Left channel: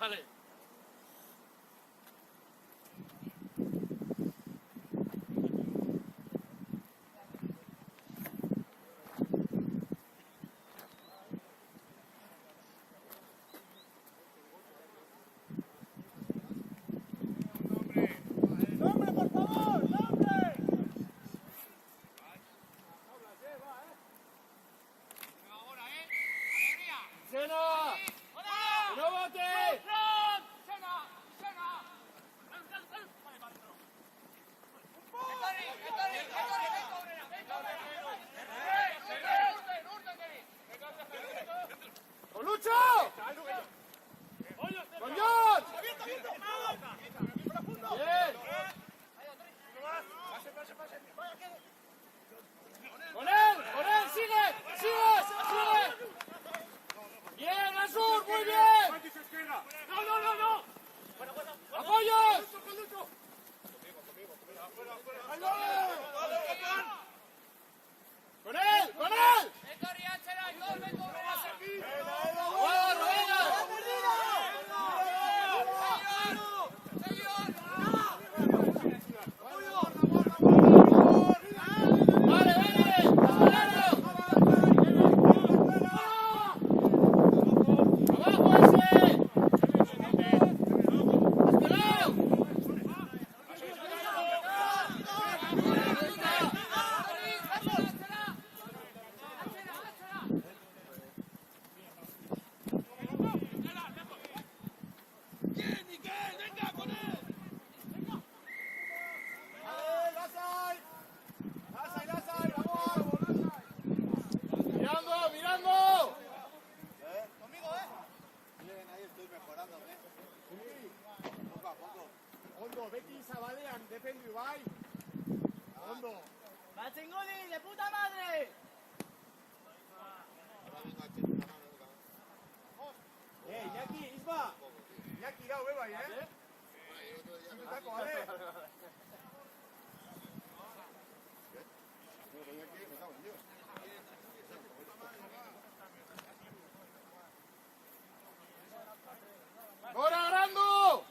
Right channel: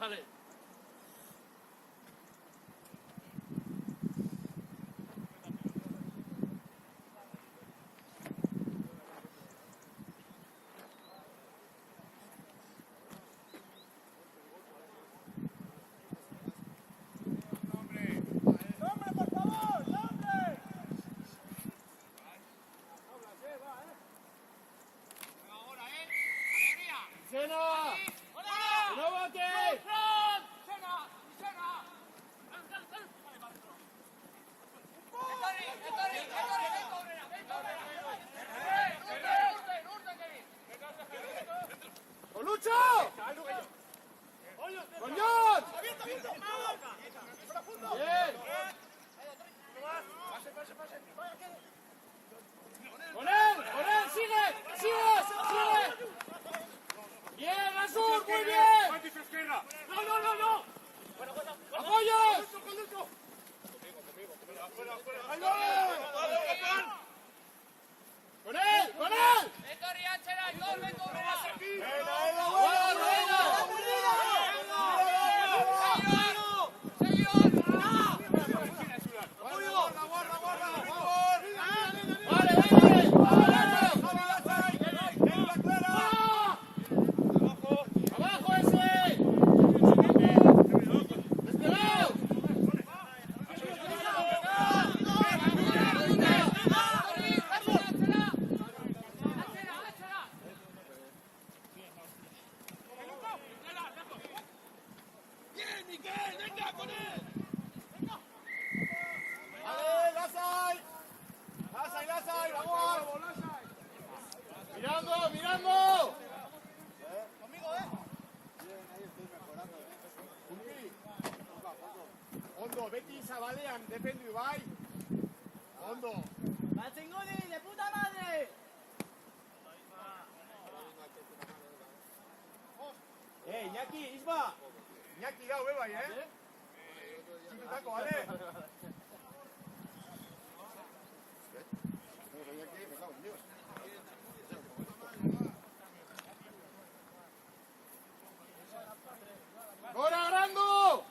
Vale. Beti zabalean defendu bai. Ondo. Batzengoni, de puta madre. Iñaki, Isma. Iñaki gau bai, Zututako, bale? ¡Gora, Arango!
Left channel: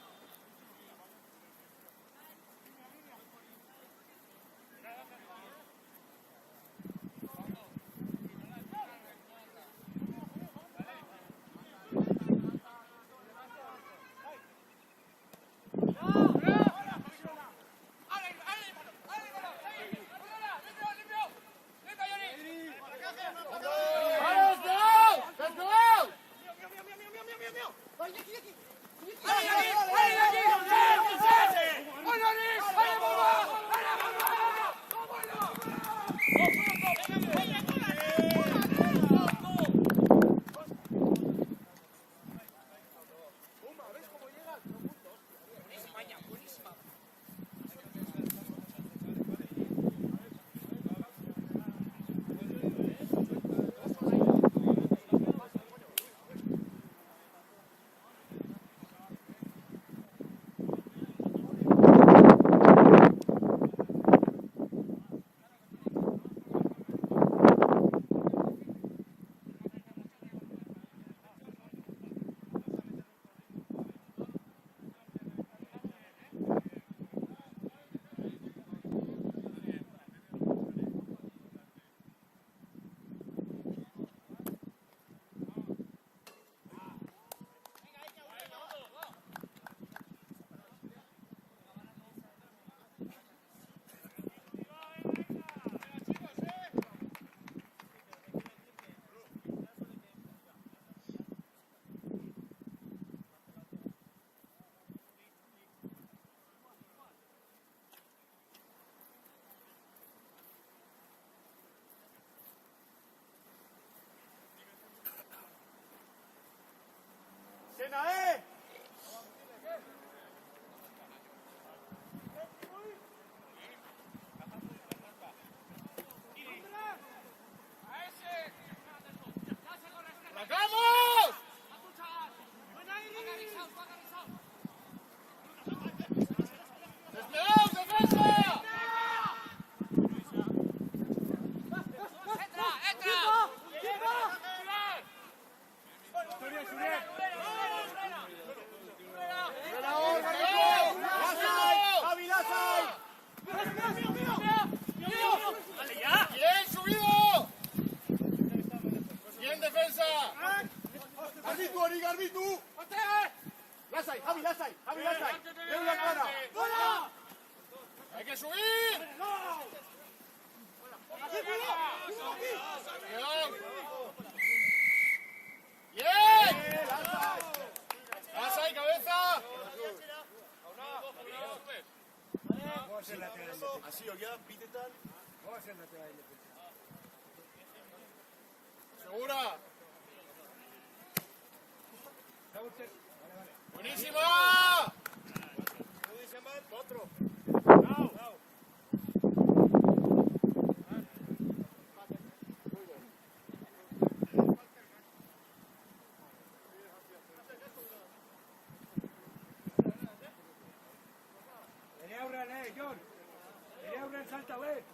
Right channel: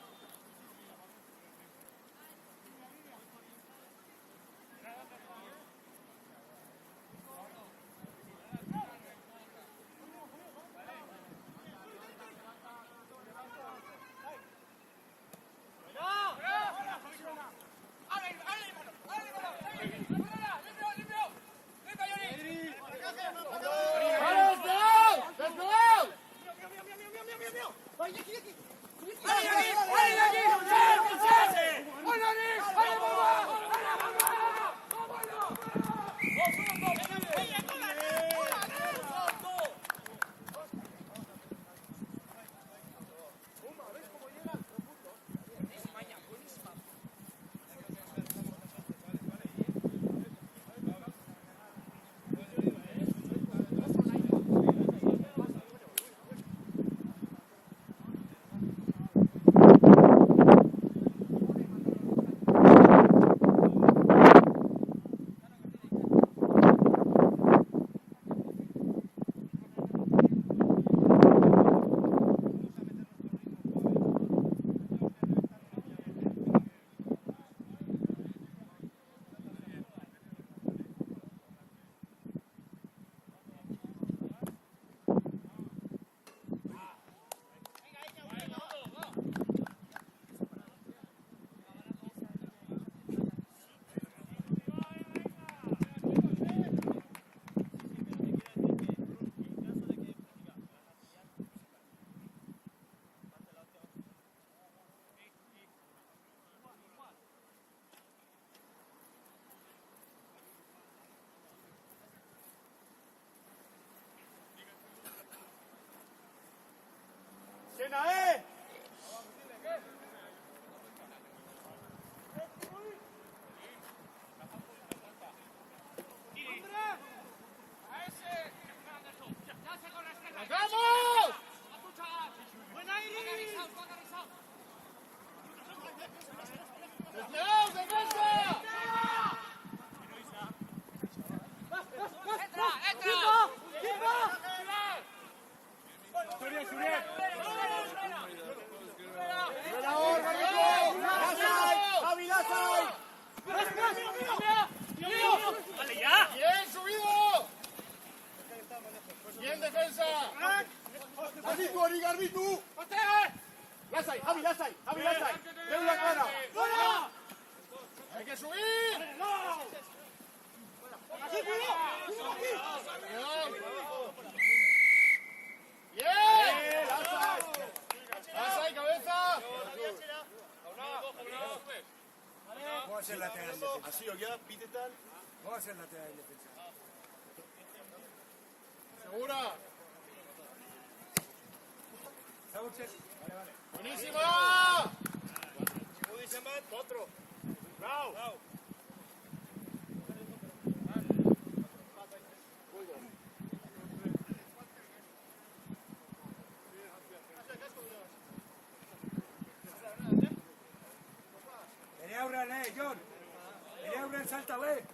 Entrenador, Garbitu. Lasai, Javi, Lasai. Bien, subido. Bien, defensa. Garbitu, Ori, Garbitu. Lasai, Javi, Lasai. Ven la cara. Hay que subir. Aquí, cuidado. Bien. Lasai. Lasai, cabeza. Así o ya, pide tal. Segura. Buenísimo. Otro. John. Aurea, salta, ve.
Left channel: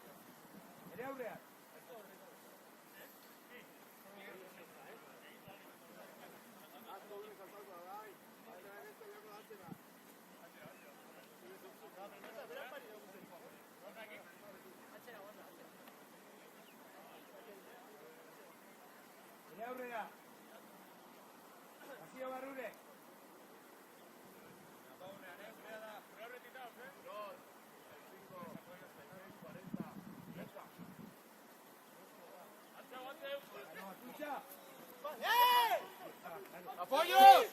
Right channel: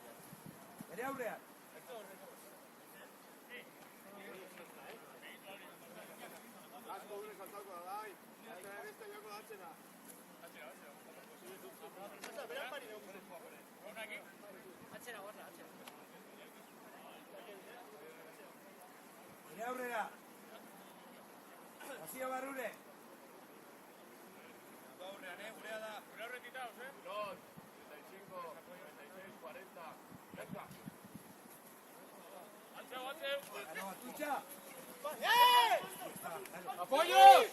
Aurea. Aurea. Así va Rune. ¡Apoyos!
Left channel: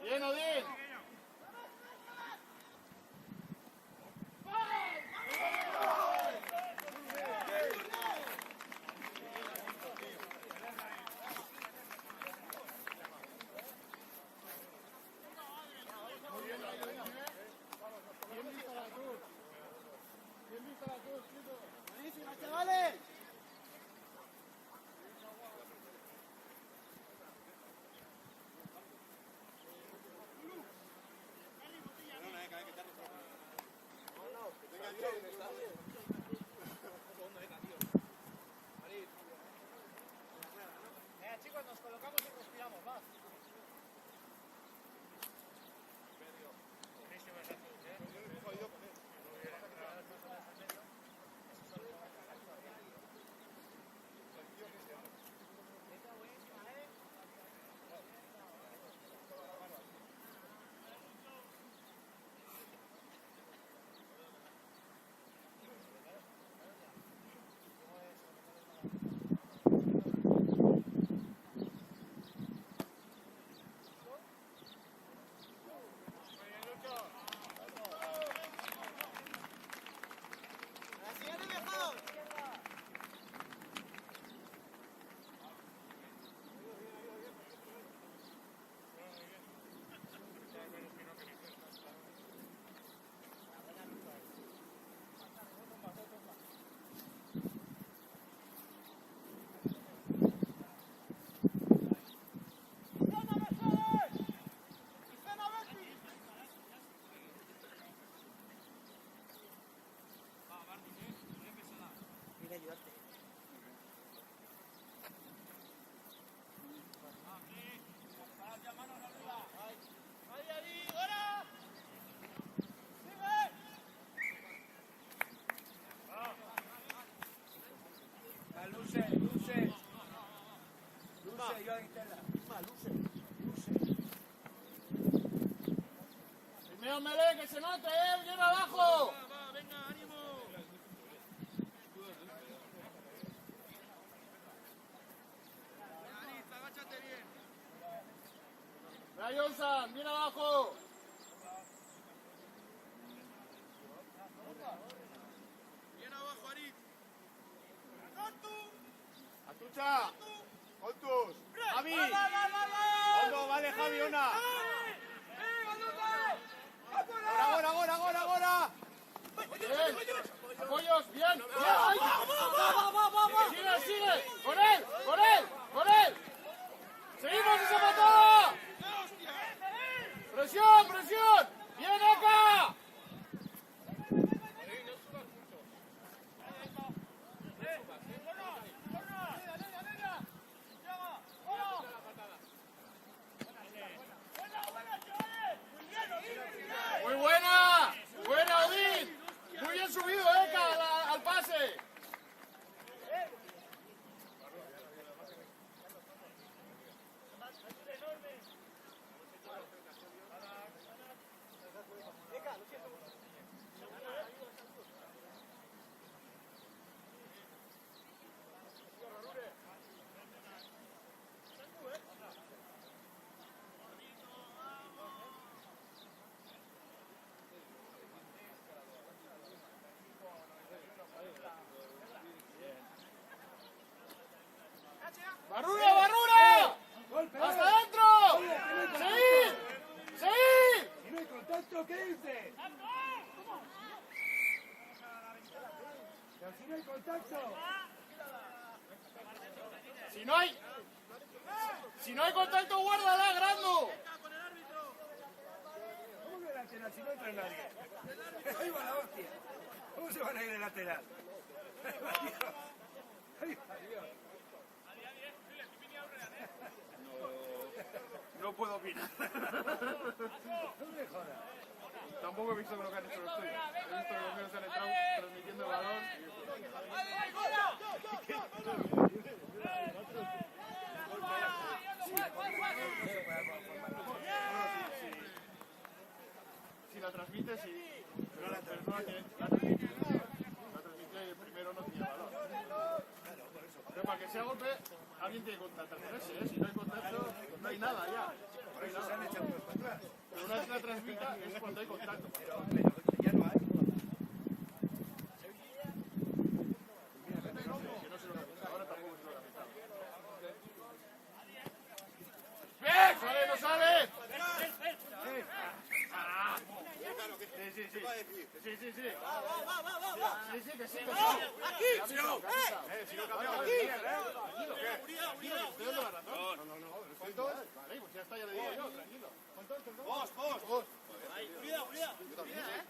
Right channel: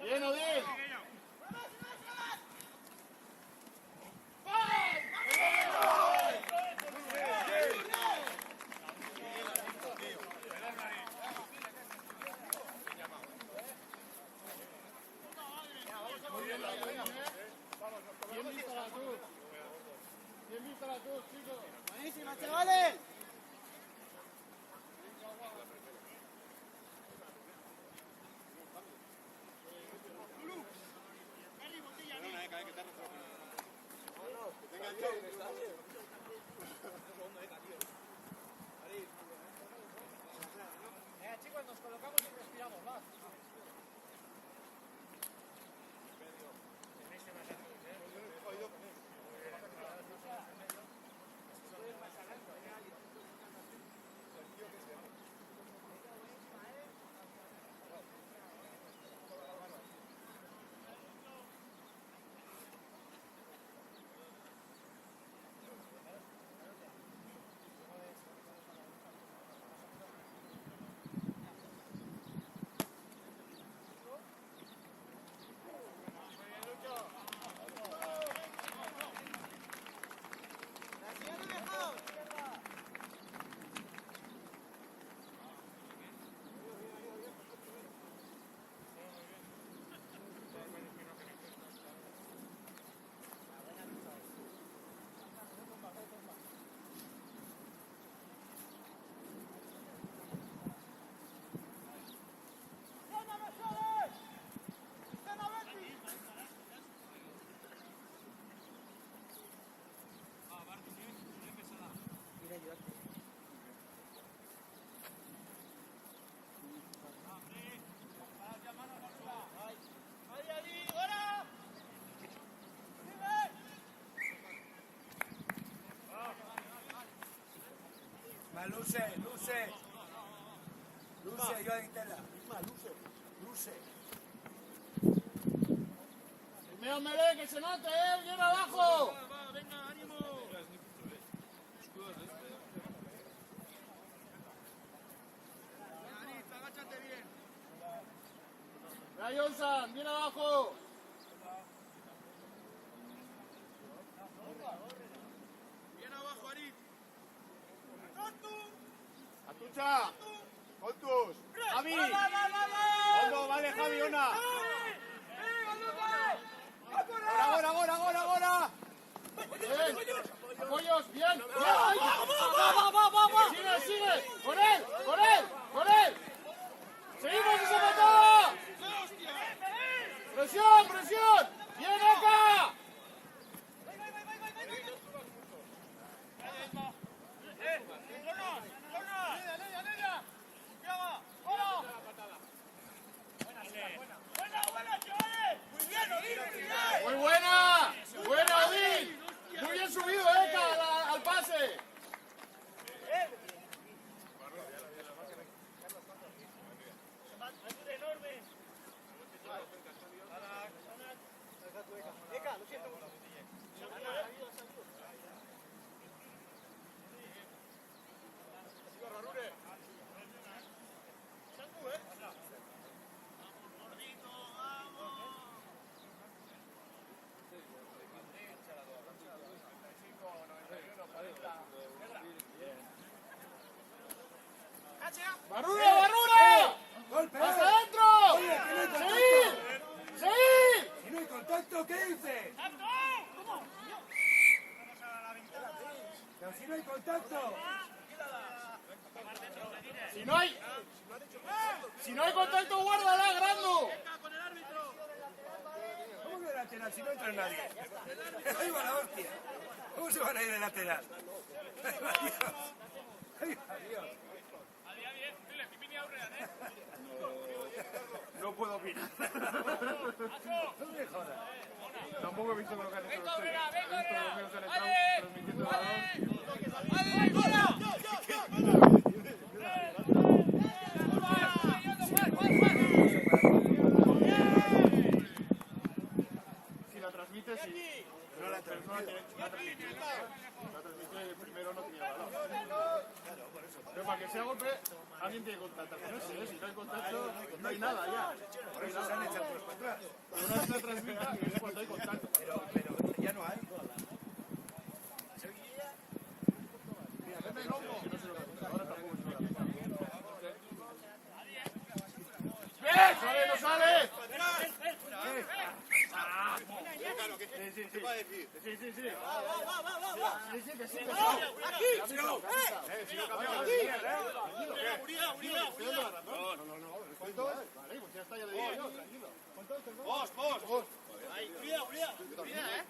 Bien, Odín. Buenísima, chavales. Chicos, nos colocamos y respiramos más. Luce, yo ahí Estela. Luce. Primero Melé, que se note, bien abajo. Venga, ánimo. Agáchate bien. Rayonsan, bien abajo. Bien abajo, Arit. Atucha. Contus. Javi. Fondo, vale, Javi, una. Ahora. Bien. Apoyos, bien. Va. Sigue. Con él. Seguimos ese mató. hay contacto. Si no hay contacto, guárdala, Grando. ¿Cómo que lateral si no entra nadie? Ahí va la hostia. ¿Cómo se van a ir de lateral? No puedo opinar. Tampoco he visto lo que han hecho los tuyos. He visto que los míos han entrado transmitiendo el balón. Si la transmite, sí. Pero la persona tiene la transmisión. La transmitió y el primero no tenía balón. Pero para que sea golpe, alguien tiene que contactar con ese, ¿eh? Si no hay contacto, no hay nada ya. No hay nada. Pero una vez la transmita es cuando hay contacto. Ya no hay. Que no se lo ha quitado. Ahora tampoco se lo ha quitado. ¡Bien! ¡Sale, no sale! Sí. Sí, que sí. ¡Aquí! Si no cambiamos de líder, Tranquilo, ¿qué? Tranquilo, que estoy dando la razón. No. ¿Cuánto es? Vale, pues ya está, ya le digo yo, tranquilo. ¿Cuánto es, perdón? Vos. Yo también, ¿eh?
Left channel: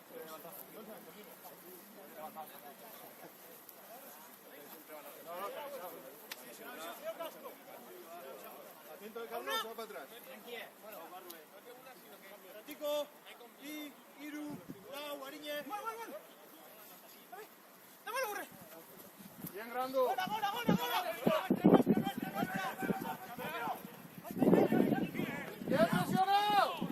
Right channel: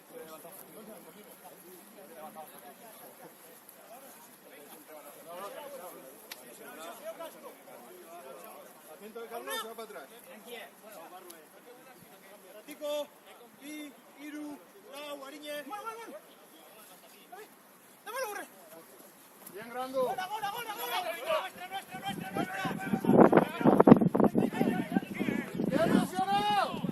Atento de Carlos, se va para atrás. Ratico, bi, hiru, lau, ariñe. Dámelo, borre. Bien, Grando. ¡Bien presionado!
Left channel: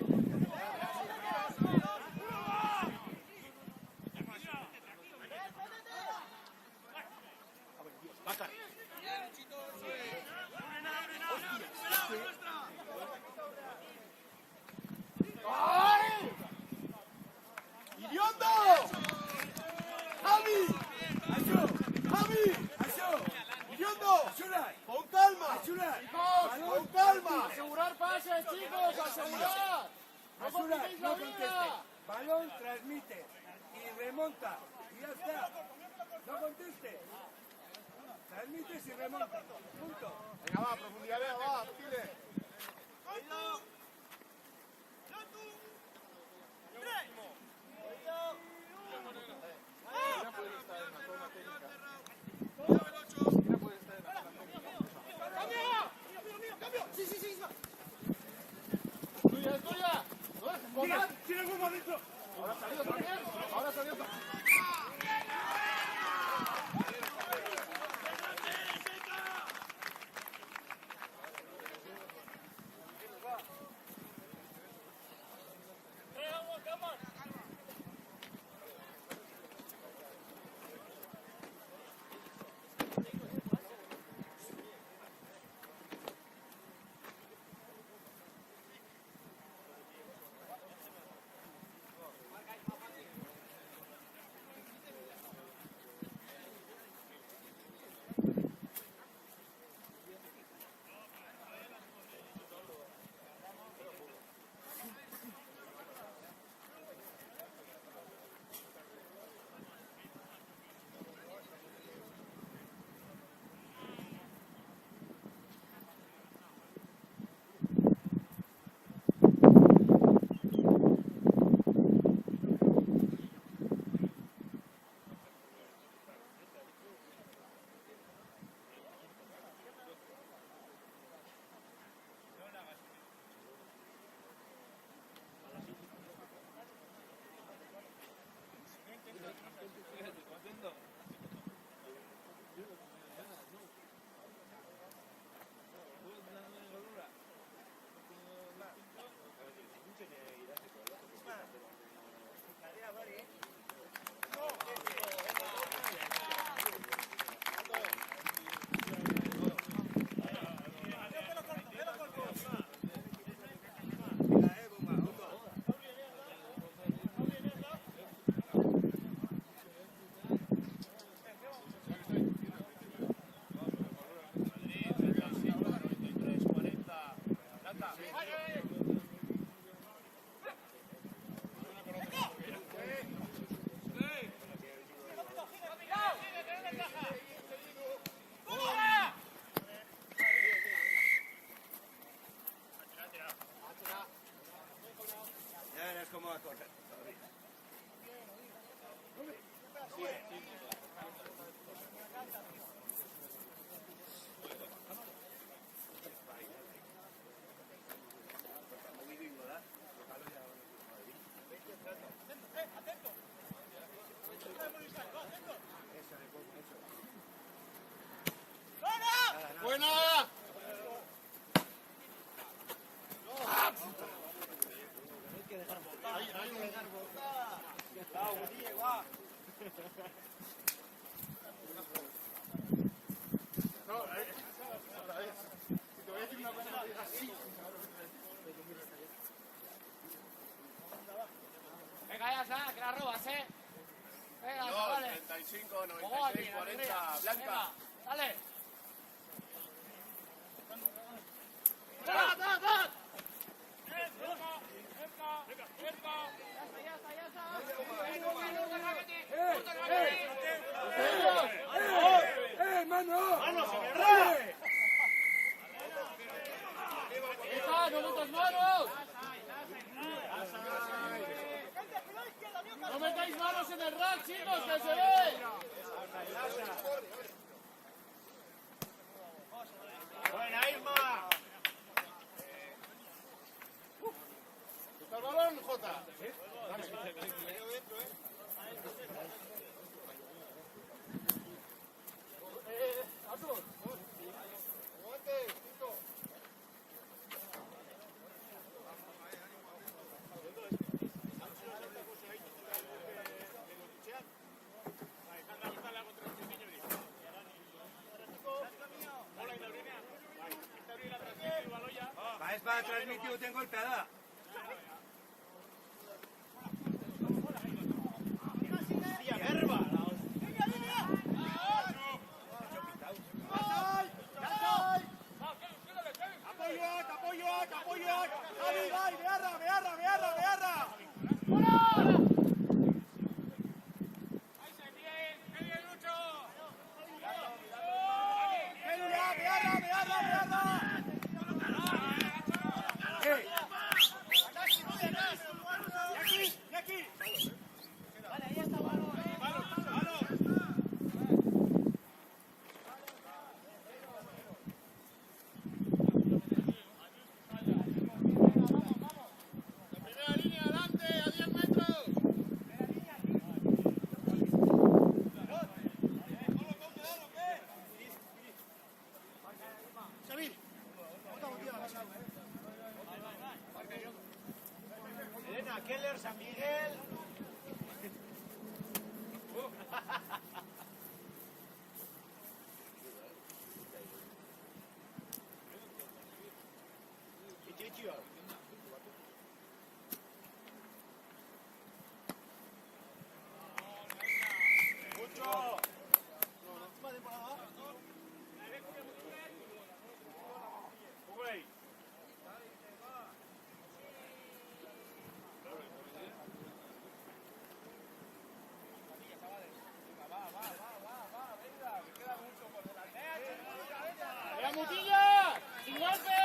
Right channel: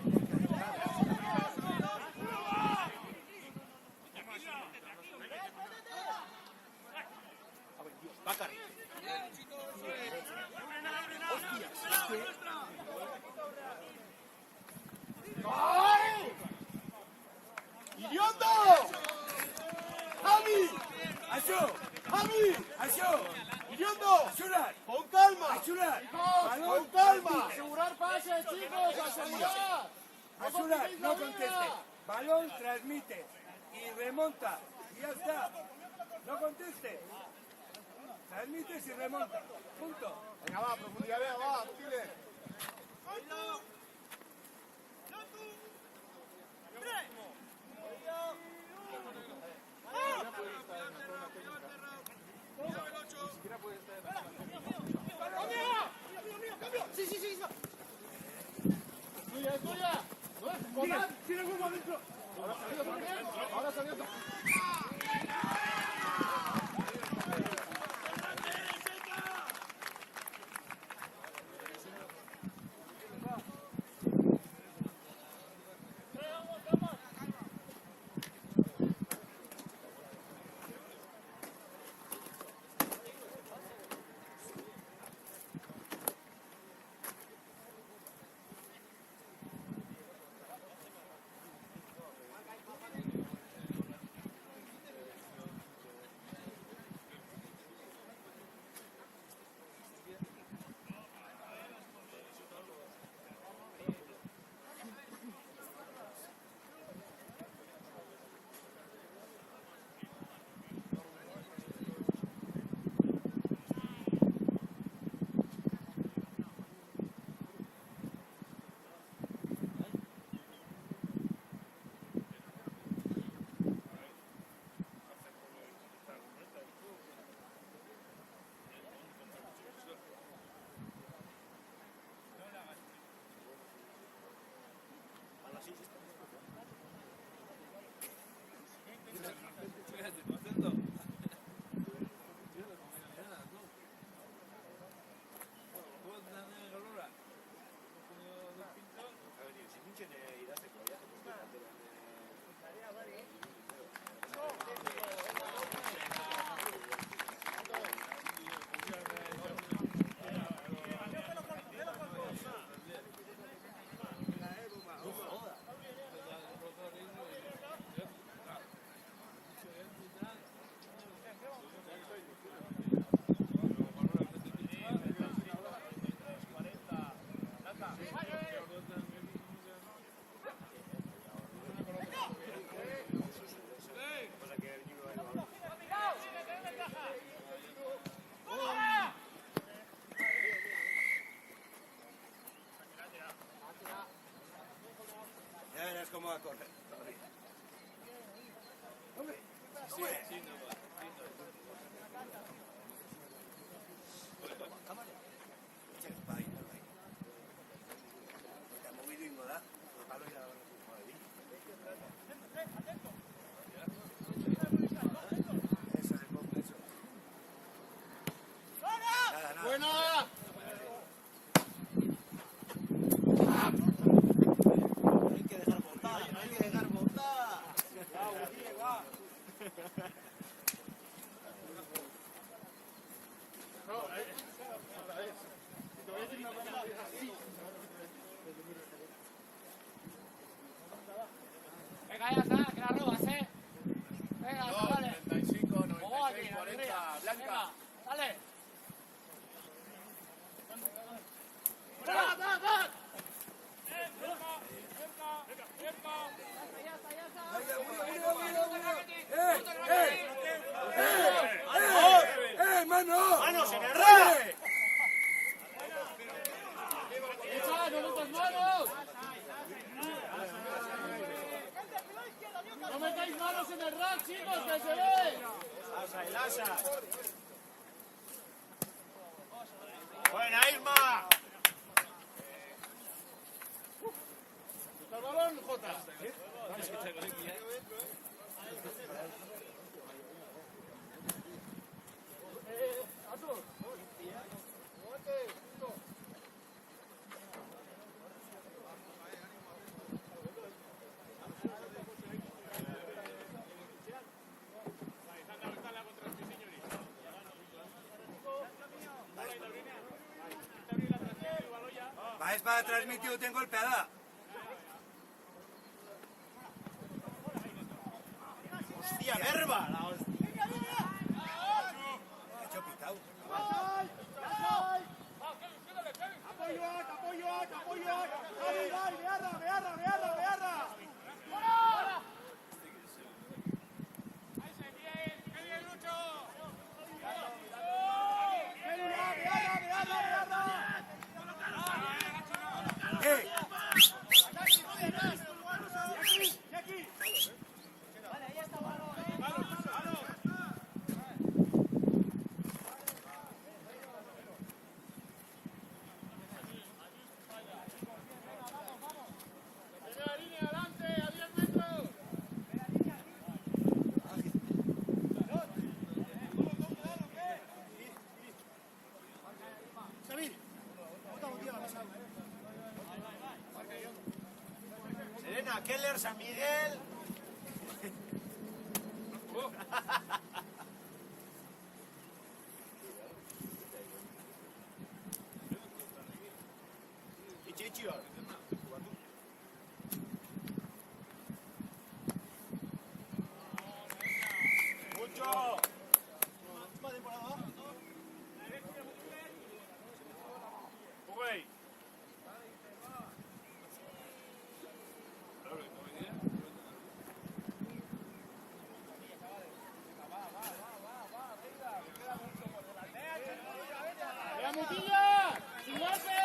¡Ay! ¡Idiota! ¡Javi! ¡Idiota! ¡Con calma! ¡Con calma! Asegurar pases, chicos, asegurar. Basura, no conteste. Balón transmite y remonta. Y ya está. No conteste. Transmites y remonta. Punto. Venga, va, profundidad, va, Tile. cómo va a correr. ¡Buena! Venga, ya está, que la robas, ¿eh? Venga, chavales. 35, Vamos aquí, 96, la alegría. 40, Blanca. Venga, dale. ¡Mano! ¡Manos en el rey! ¡No metáis manos en el rack, chicos, que se ve! ¡Buena, Isma! ¿Está el balón, Jota? Va, es para transmitir, tengo golpeada. ¡Hostia, Nerva! Serena, Keller, San Miguel. Y Chicho. Mucho. Uy. ¡La mutilla! ¡Silencio!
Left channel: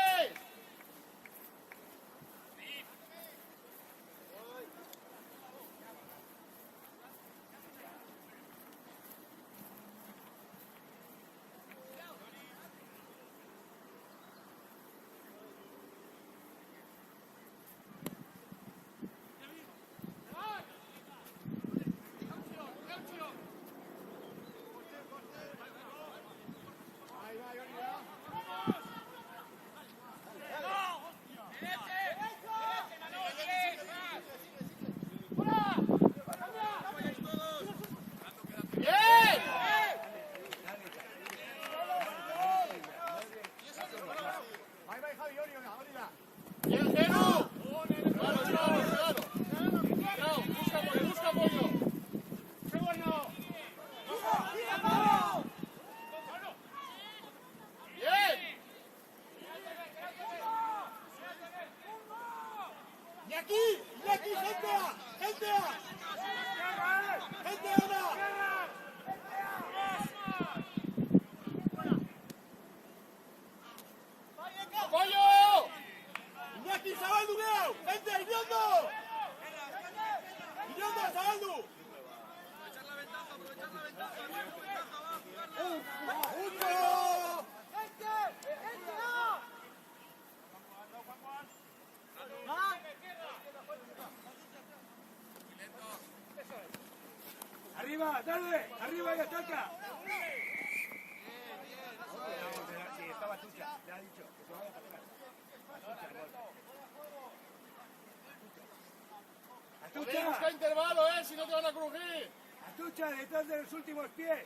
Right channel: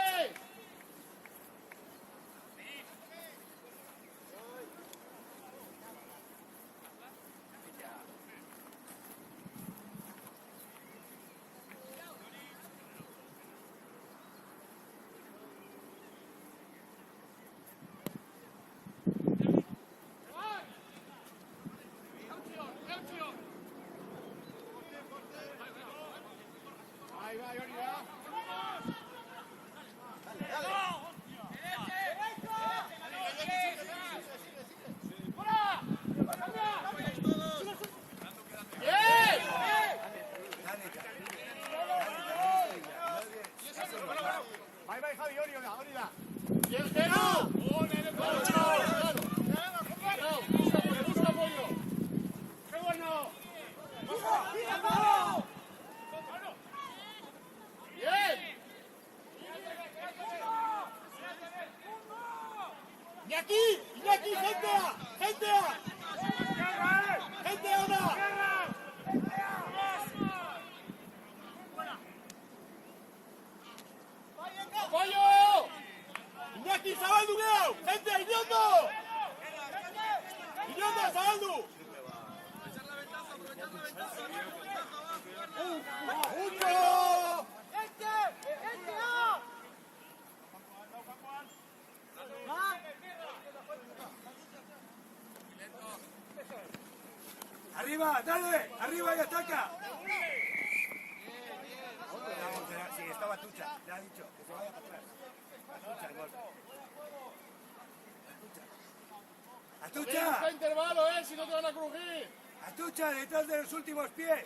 Arriba, dale, arriba y ataca. Sí, estaba Tucha, le ha dicho que se vaya para atrás. Busca Atucha, intervalo, si no te van a crujir. Atucha, detrás de los últimos pies.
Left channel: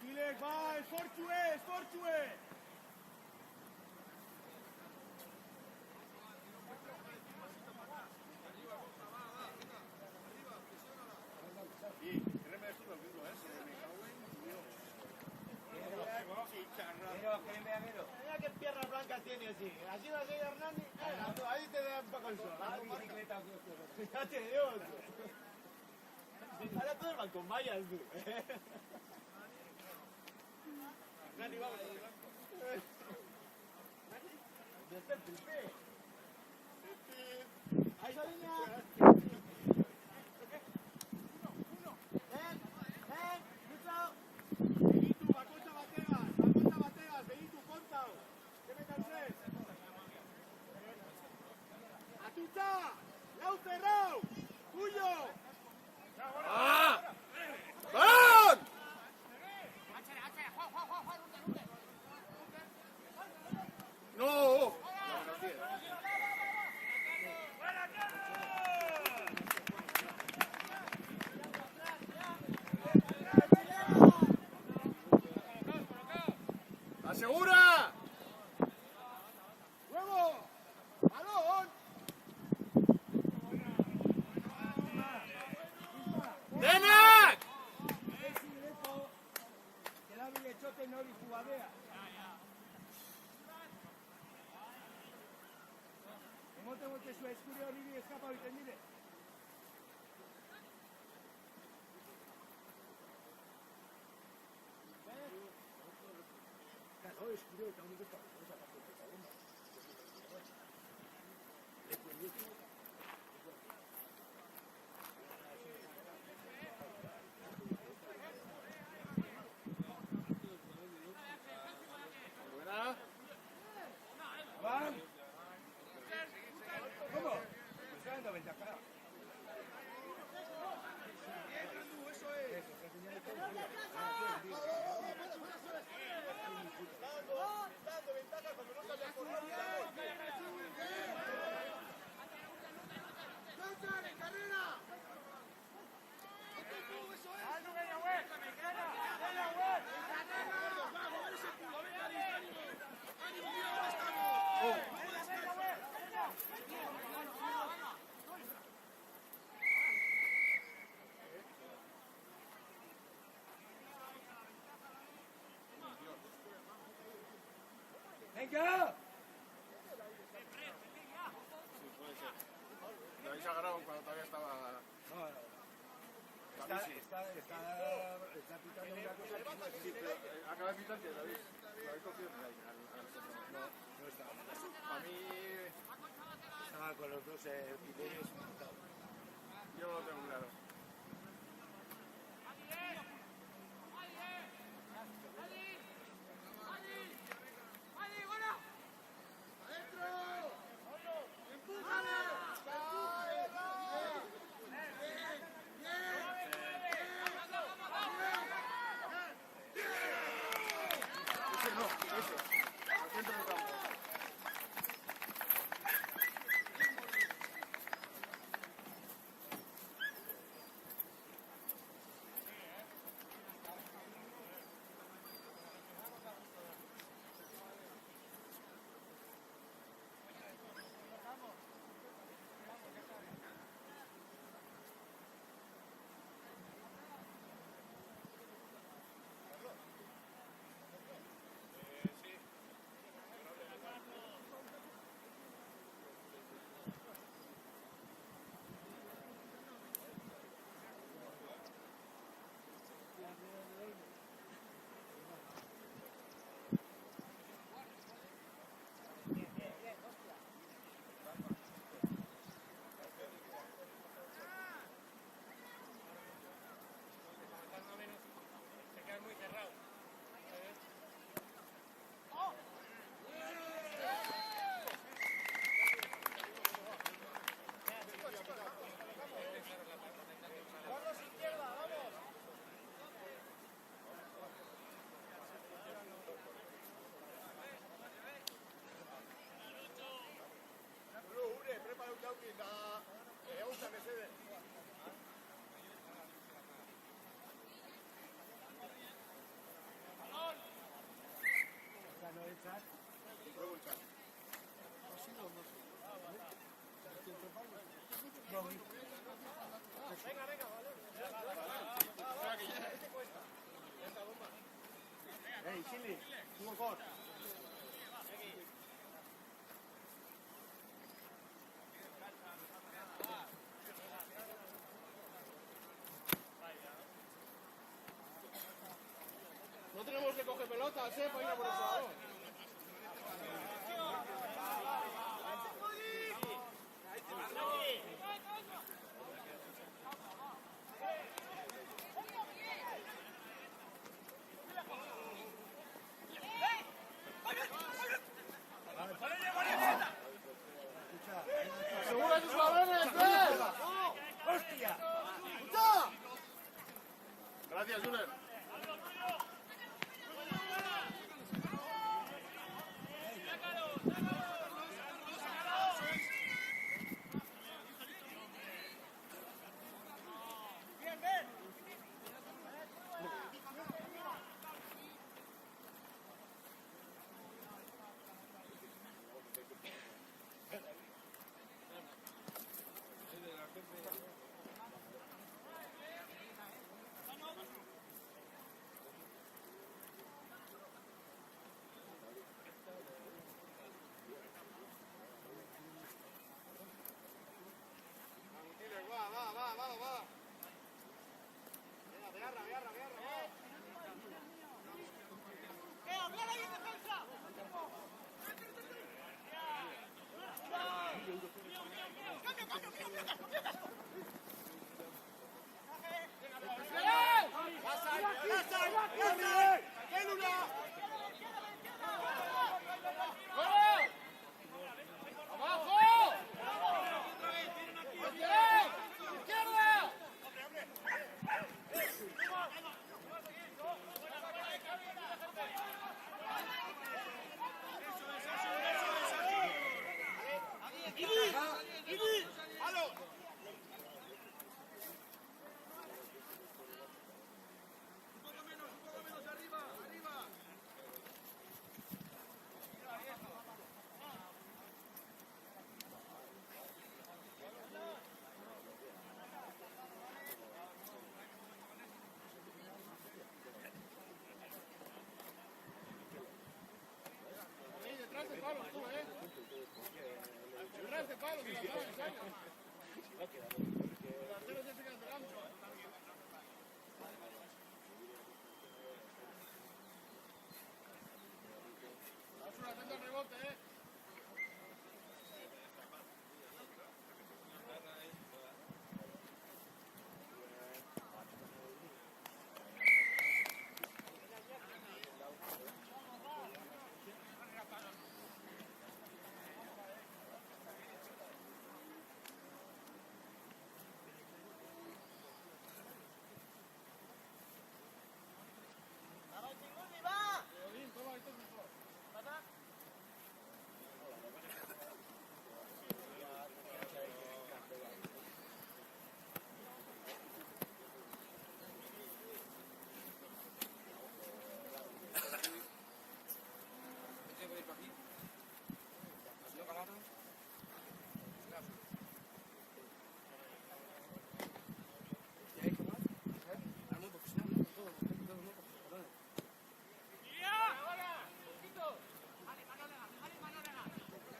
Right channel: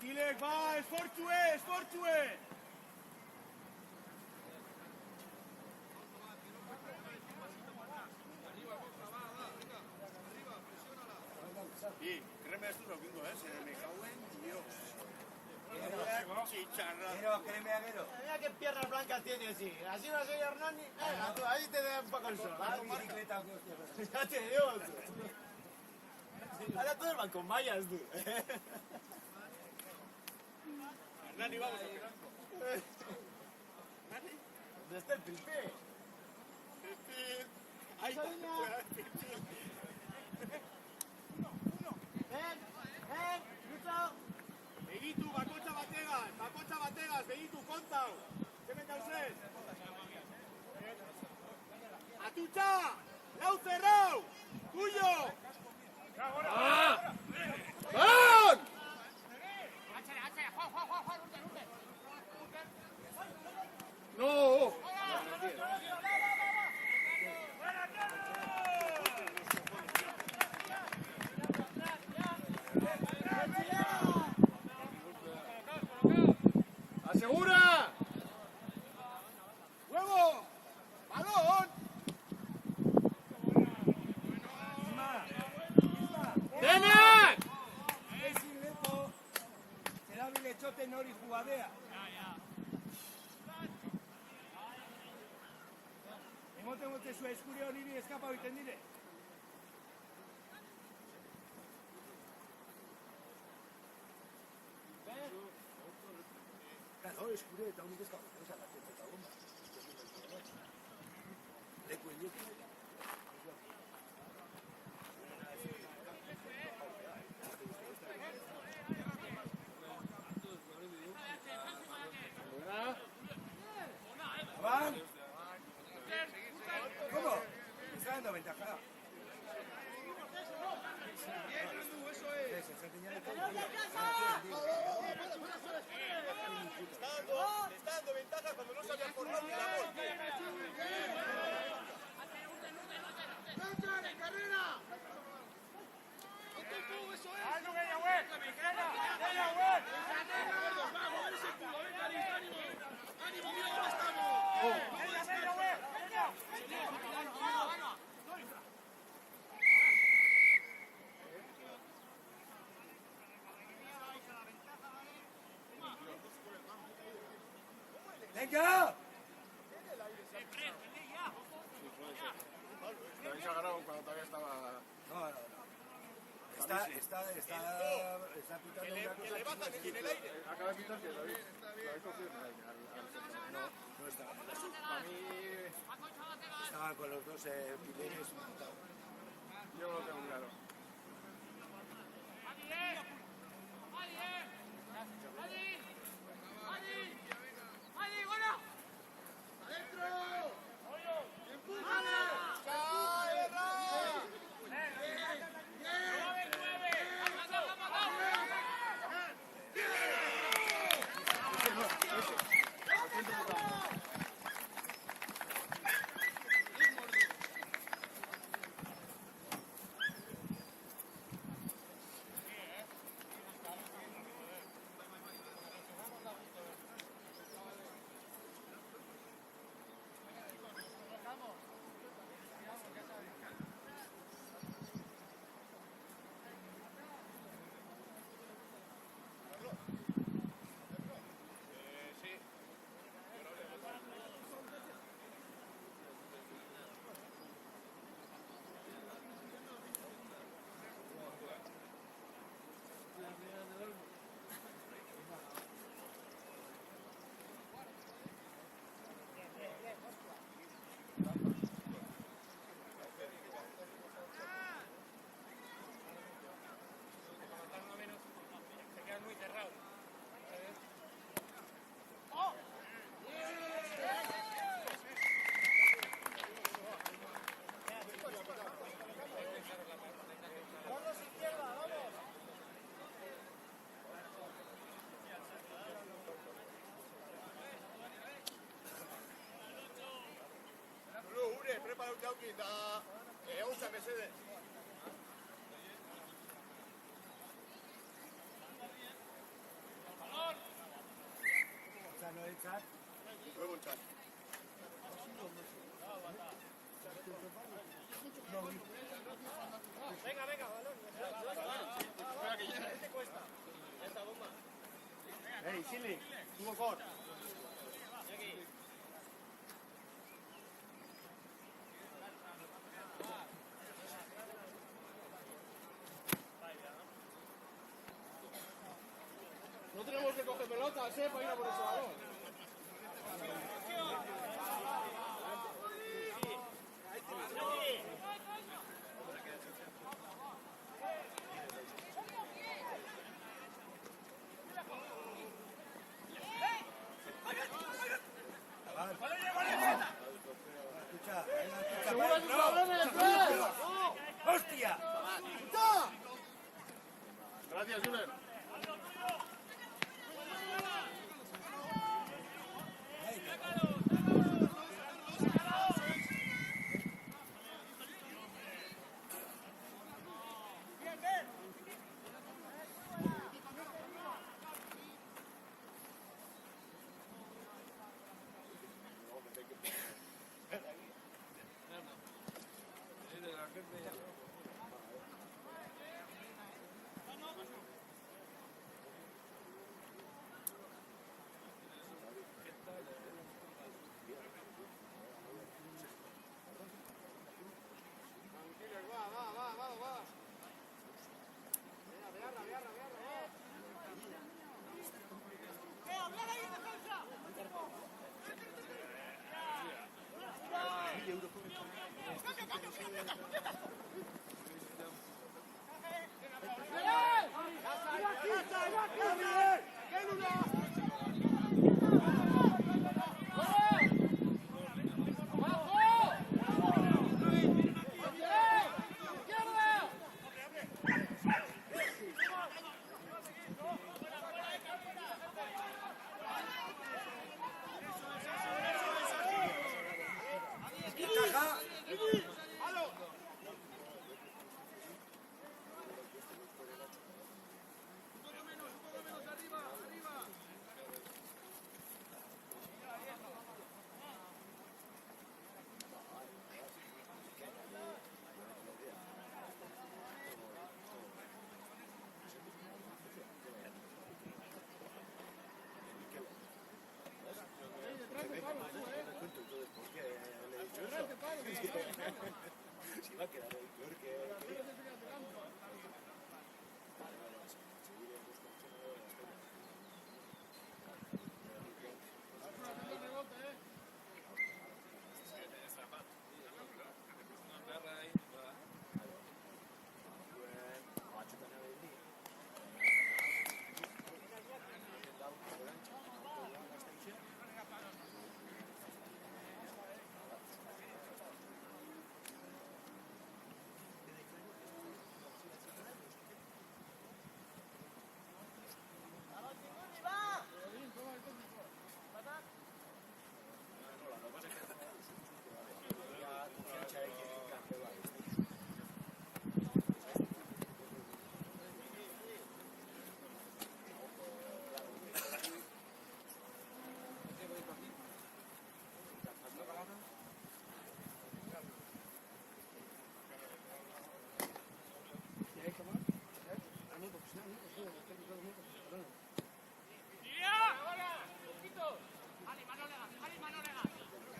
Tilek, va, esfortzue, esfortzue. Y, créeme esto lo digo, se me cago en Dios. Pero, créeme, Agüero. Mira qué piernas blancas tiene, sí. Así no soy Hernani. Ahí te da un poco el sol. Bicicleta, ¿qué hostia? Ya te digo, ahora todos van con mallas, tú. Hernani, vamos. ¿Dónde está el Pipe? Ahí está. Begitu, bakotxa bategaz, begitu, kontau. Zemen dauzez. Atutxa, lau zerrau, Puyo. ¡Van! No. ¡Asegura! ¡Huevo! ¡Balón! ¡Ven! Esi Lepo, será bilechote nori jugadea. Emoten mote zu eskurio niri eskapa oiten dire. Claro, eskurio eta honik eskapa oiten dire. Juan. ¿Cómo? Me está dando ventaja. Está dando ventaja cuando no sabía por dónde ir. ¡Venga! Sí, puede ser. Lo habéis agarrado cuando todavía estaba... No, no. Está pitando una cosa. Acaba de pitar que lo habéis cogido ahí, al centro. No estaba. Para mí, Estaba con los dos pileres montados. yo no lo tengo claro. Ese no, ese. Al centro del campo. Espera que llegue. Ey, Silvi, tuvo cor. No tenemos que coger pelotas, para ir a por ese balón. ¡Segura tus balones, ¡Hostia! Gracias, Julen.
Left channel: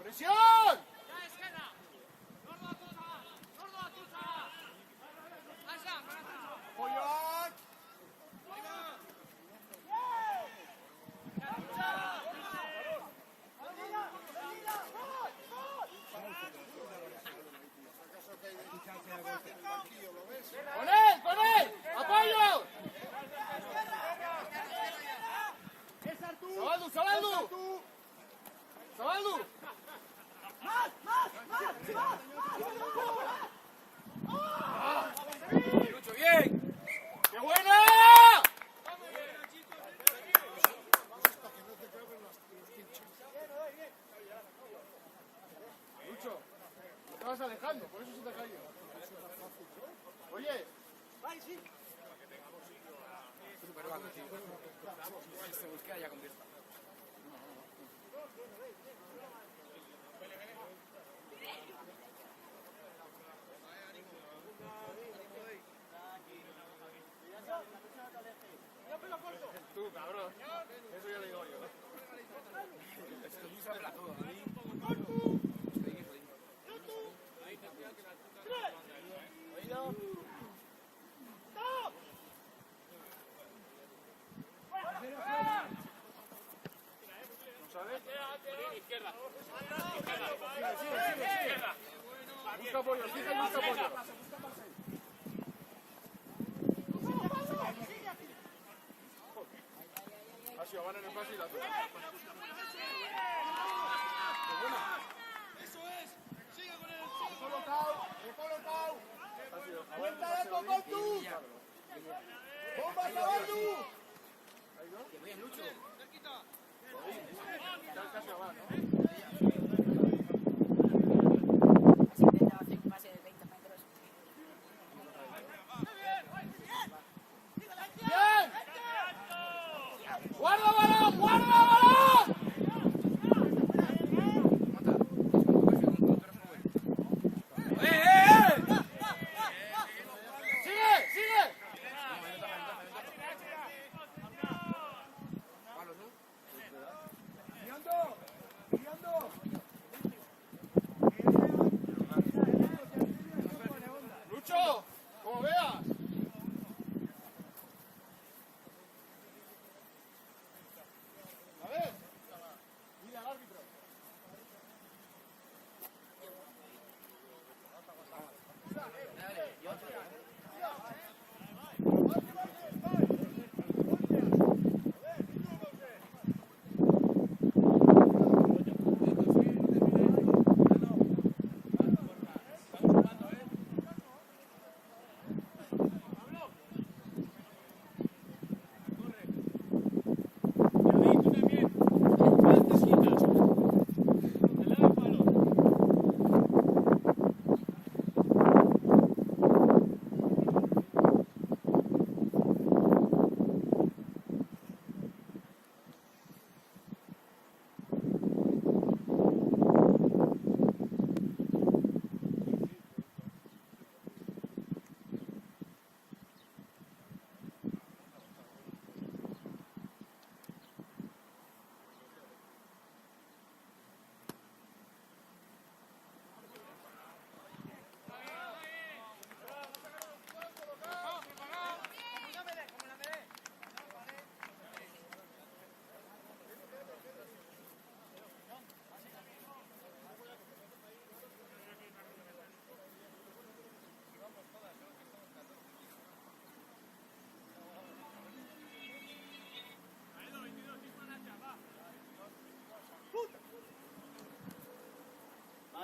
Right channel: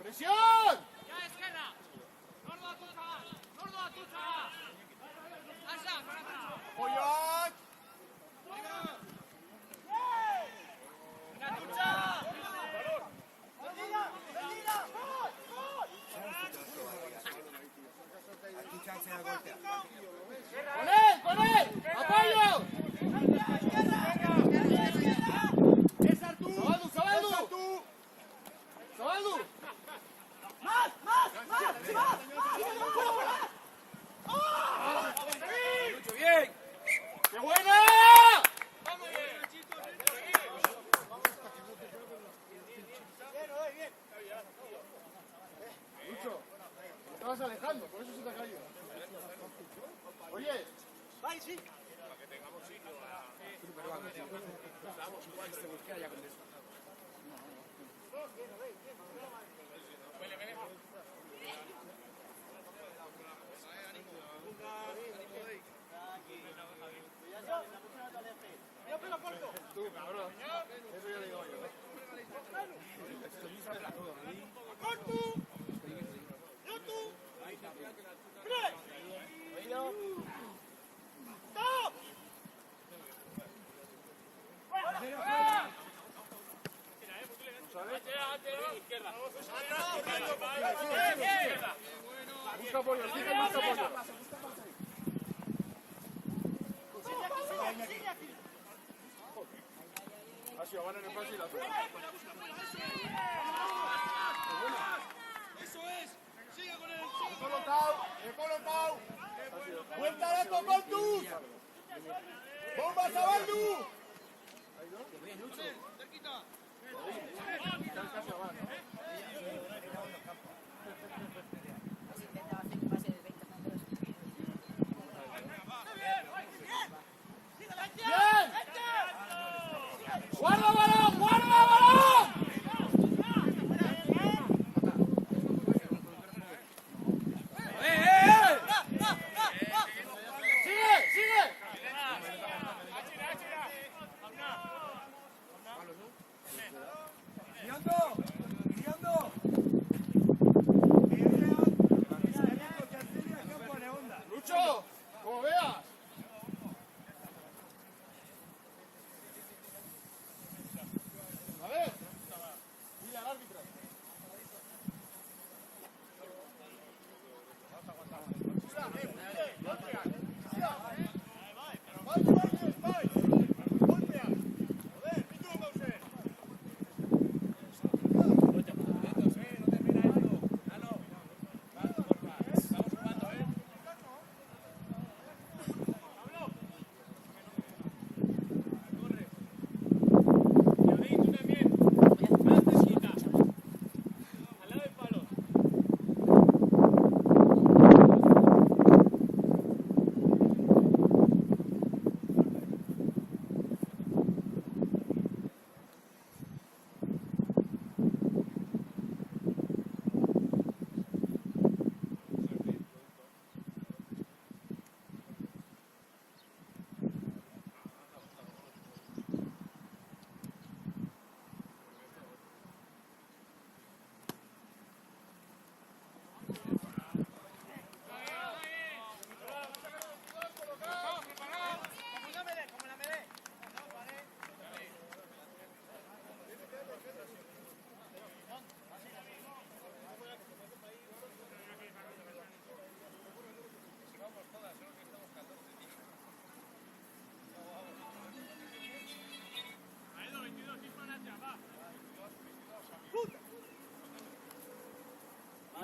¡Presión! ¡Pollot! ¡Con él! ¡Con él! ¡Apoyo! ¡Sabaldu! ¡Sabaldu! ¡Sabaldu! Lucho, bien. ¡Qué buena! Lucho, te estabas alejando, por eso se te ha caído. Oye. ¡Ay, sí! Tú, cabrón. Eso ya le digo yo. ¿No sabes? Izquierda. Sigue. Busca apoyo, fija y busca apoyo. Ha sido, van en el pase y la zona. Eso es. Sigue con el colocado. Vuelta a la Baldu. Bombas a Baldu. Casi abajo, ¿no? ¡Bien! ¡Guarda balón! ¡Guarda balón! ¡Sigue! ¡Lucho! ¡Como veas! A ver. Mira al árbitro.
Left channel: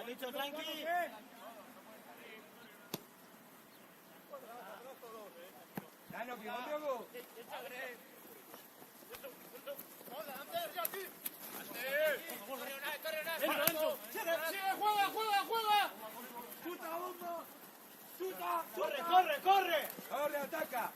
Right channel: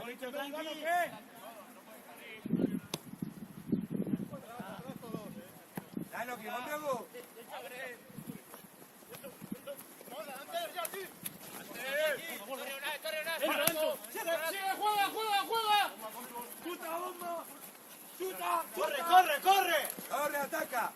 ¡Juega! ¡Corre! ¡Corre, ataca!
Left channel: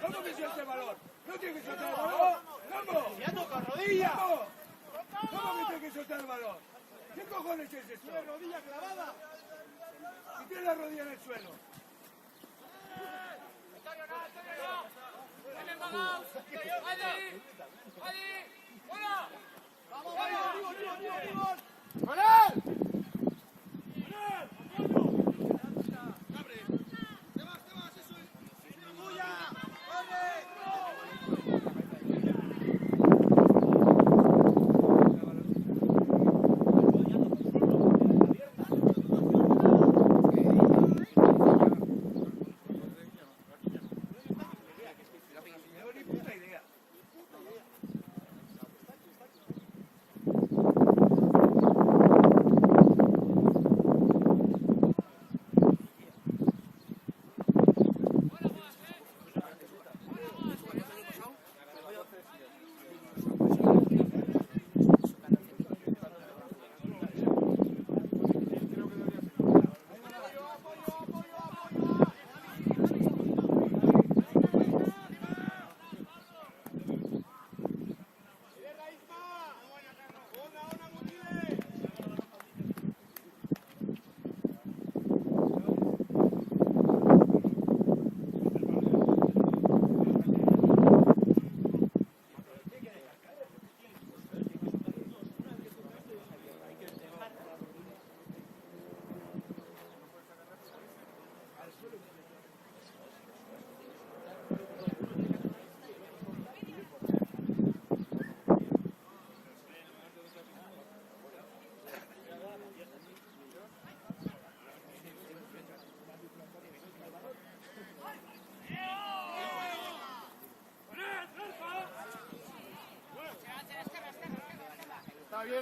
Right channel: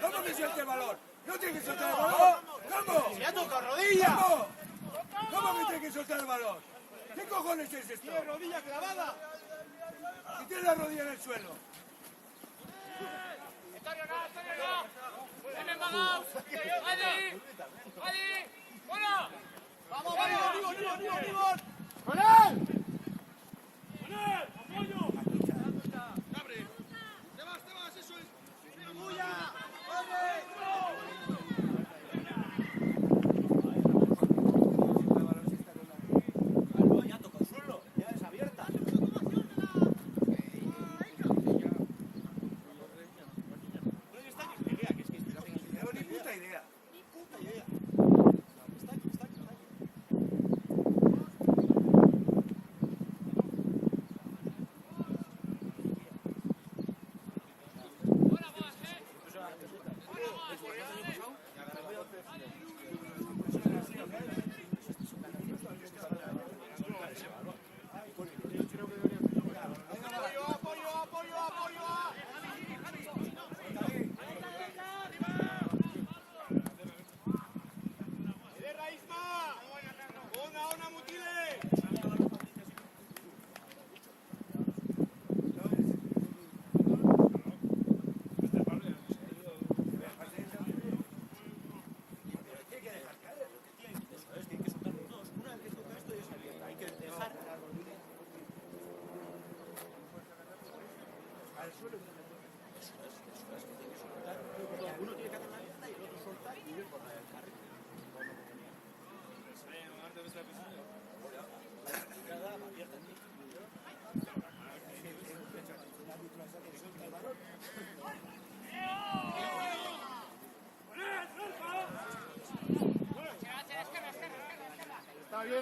¿Cómo que suelta el balón? ¿No tiene que soltar el balón? ¿Cómo? ¡Ya toca rodilla! ¿Cómo que tiene que soltar el balón? ¿Qué cojones es esto? ¡Tiene rodilla clavada! Si tiene la rodilla en el suelo. ¡Con él!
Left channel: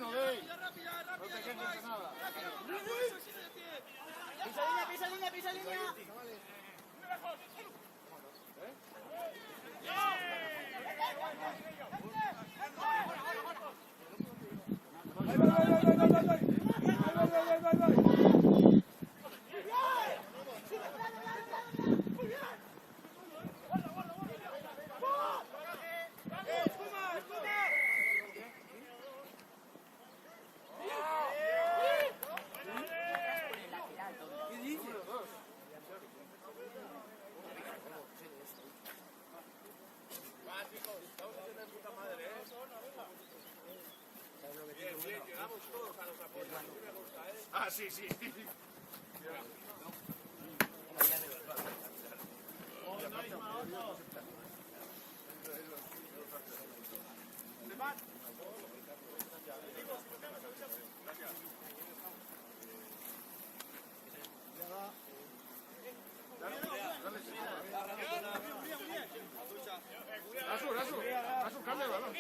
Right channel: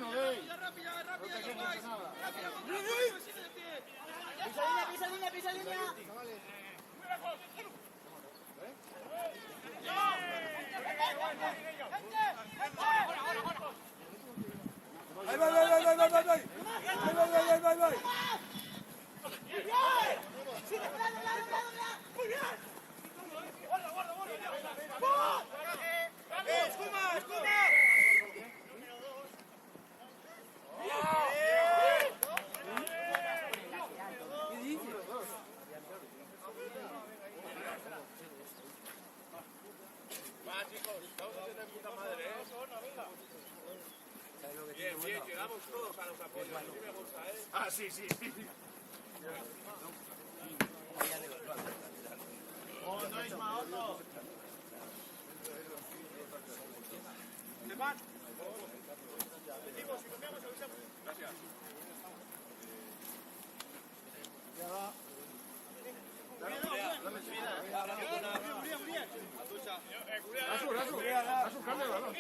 bueno, Rey. No te quejes de nada. Pisa línea, pisa línea. Ah, sí, sí. Rasu, cambia el balón.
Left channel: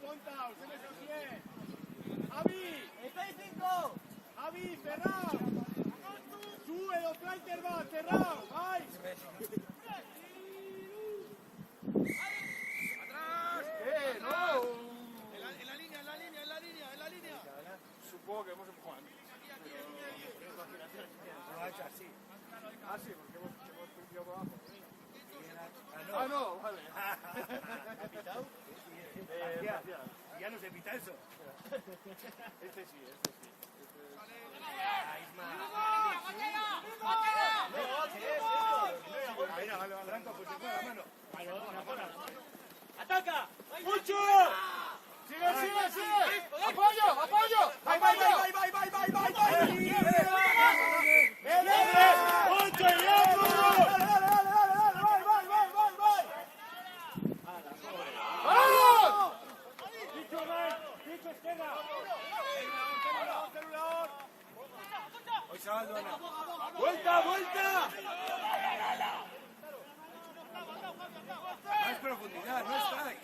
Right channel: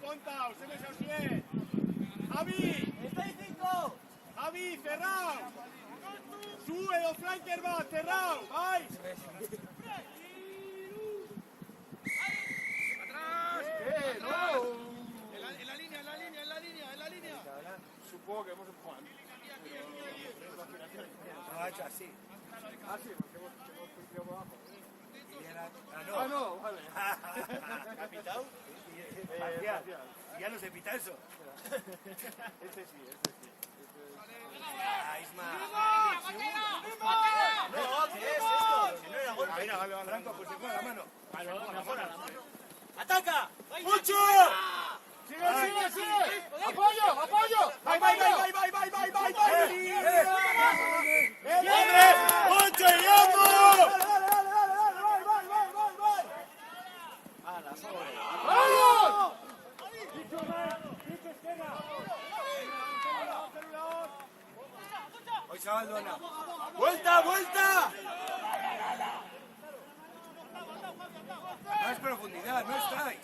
Conta, ustedes se bien. Javi, estáis 5. Javi, cerrado. Sube los flankers, va, cerrado. ¡Ay! ¿Qué? ¡No! En la línea. Supongo que hemos empujado antes. Ah, sí, porque hemos pinchado por abajo. Ah, no, vale. ¿Ha pitado? Parcial. Ya no se pita eso. Este sí. ¡Ataca! ¡Mucho! ¡Sigue! ¡Apoyo! ¡Vai! ¡Mucho, ¡Vamos! ¡Vuelta! Más profundidad, no estáis.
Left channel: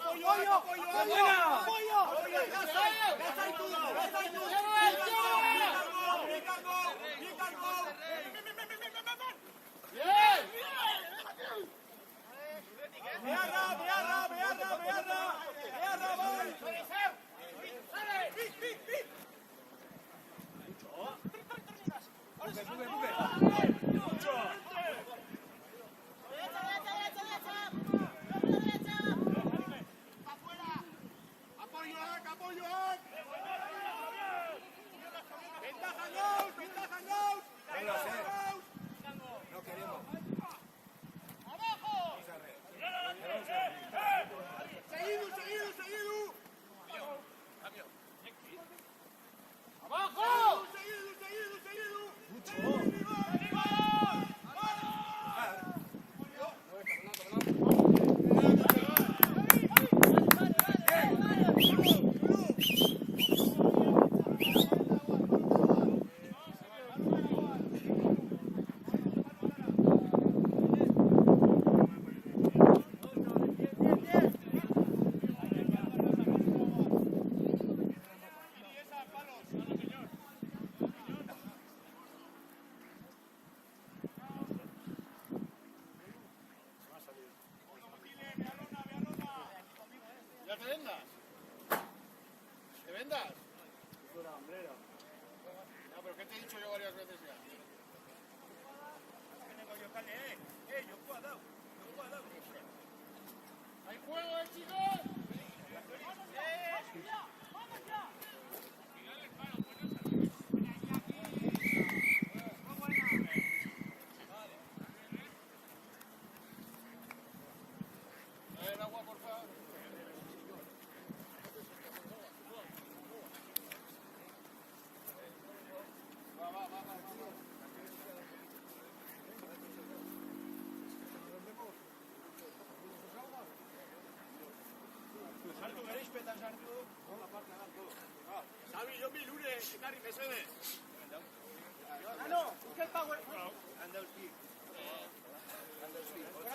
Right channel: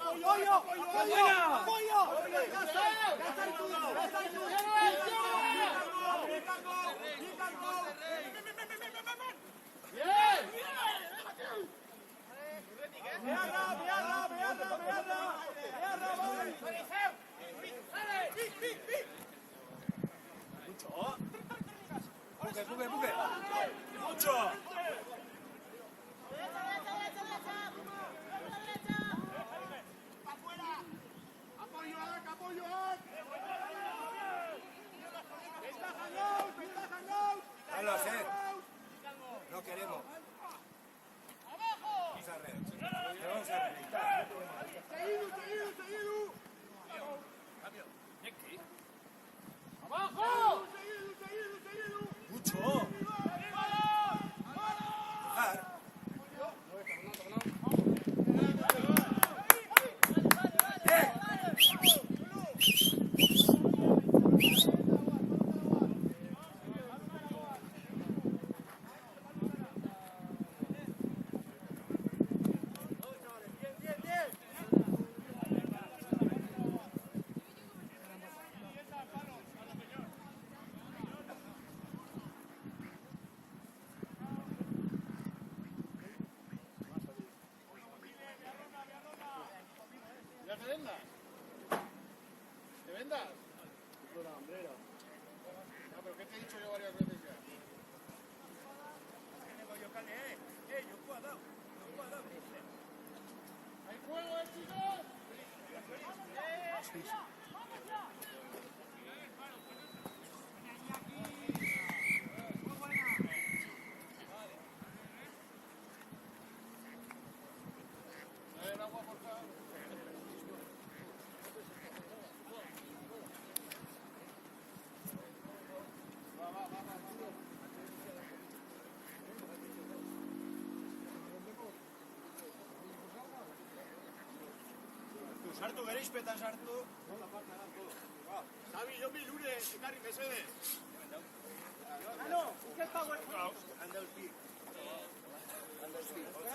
¡Apoyo! ¡Mucho! No queremos. ¿Te vendas? Errispetan sartu. Xabi, jo milure, ikari mesede. No, ¿qué power? Anda el pi.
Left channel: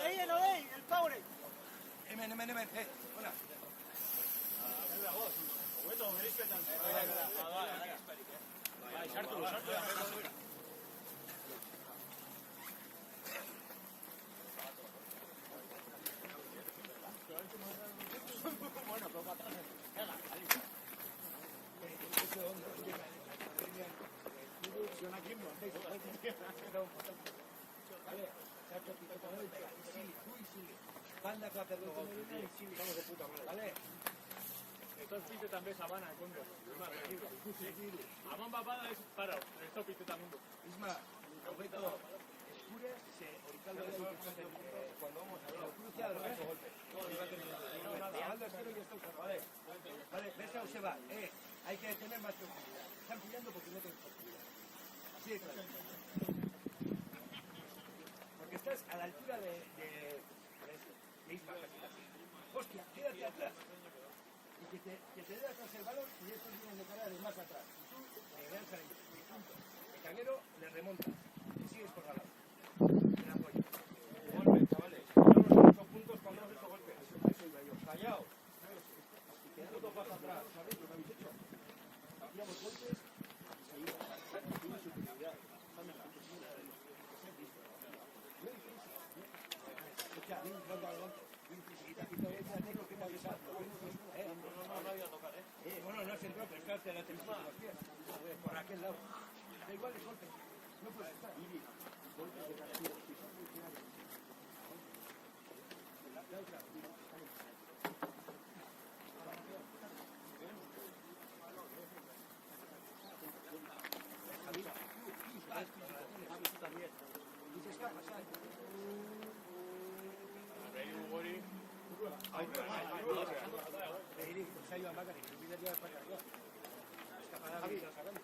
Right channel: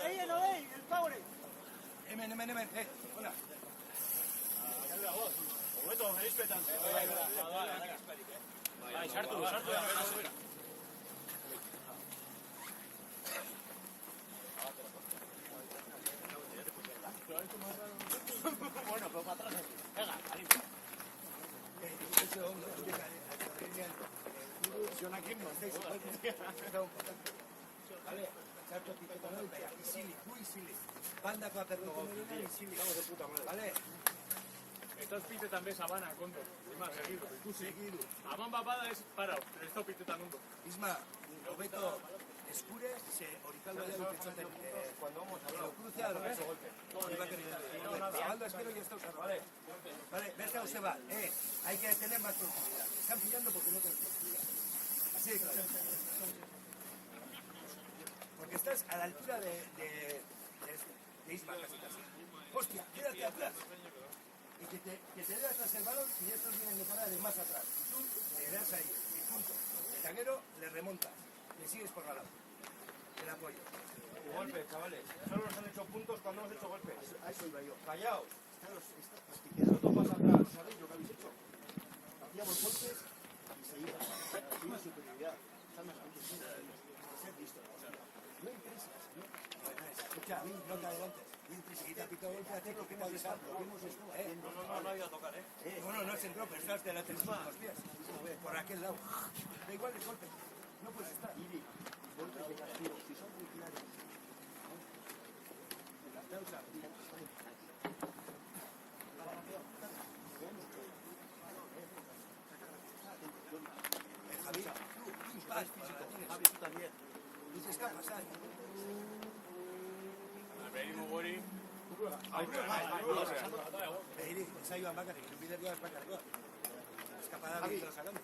Ahí, el power. Hemen, hola. Hobeto, errispetan. Bai, sartu. Banda para perder vale. Esto es pite també sabana, conde. Ima, seguido. Aman papada es para. Esto pite también. Isma, Roberto, escure, se orical vaya y que cuando vamos a hablar, cruce a los golpes. Salvando esquero y esto vale. Vale, ves a se va. Hay que tener más profundidad. Están pillando porque no tenemos profundidad. Así de claro. Porque estás a la altura de Isma, casi. Hostia, quédate atrás. Y que te dé atrás el balón y estos vienen de parar de más atrás. Y tú le das ahí, el punto. El taguero le remontas. Le sigues por la lado. El apoyo. Golpe, chavales. Solo hemos hecho puntos cuando hemos hecho golpes. A eso iba yo. Callaos. Vosotros más atrás. ¿Sabéis lo que habéis hecho? Hacíamos golpes y se iba. Tiene superioridad. Ser listo. No hay prisa. Escucha, ven, no te adelantes. Y te pito el hacer lo que va a dejar. No iba a tocar, Bueno, no se entró, pero estás de la tensión los pies. Por aquel lado. Da igual el golpe. No puedes estar. Golpes de castigo. Si son muy claros. Causa. Javi, también. Dices, ¿qué ha pasado? Se ha ido a Maca, que el líder ya está cargado. Escapada de lo sacamos.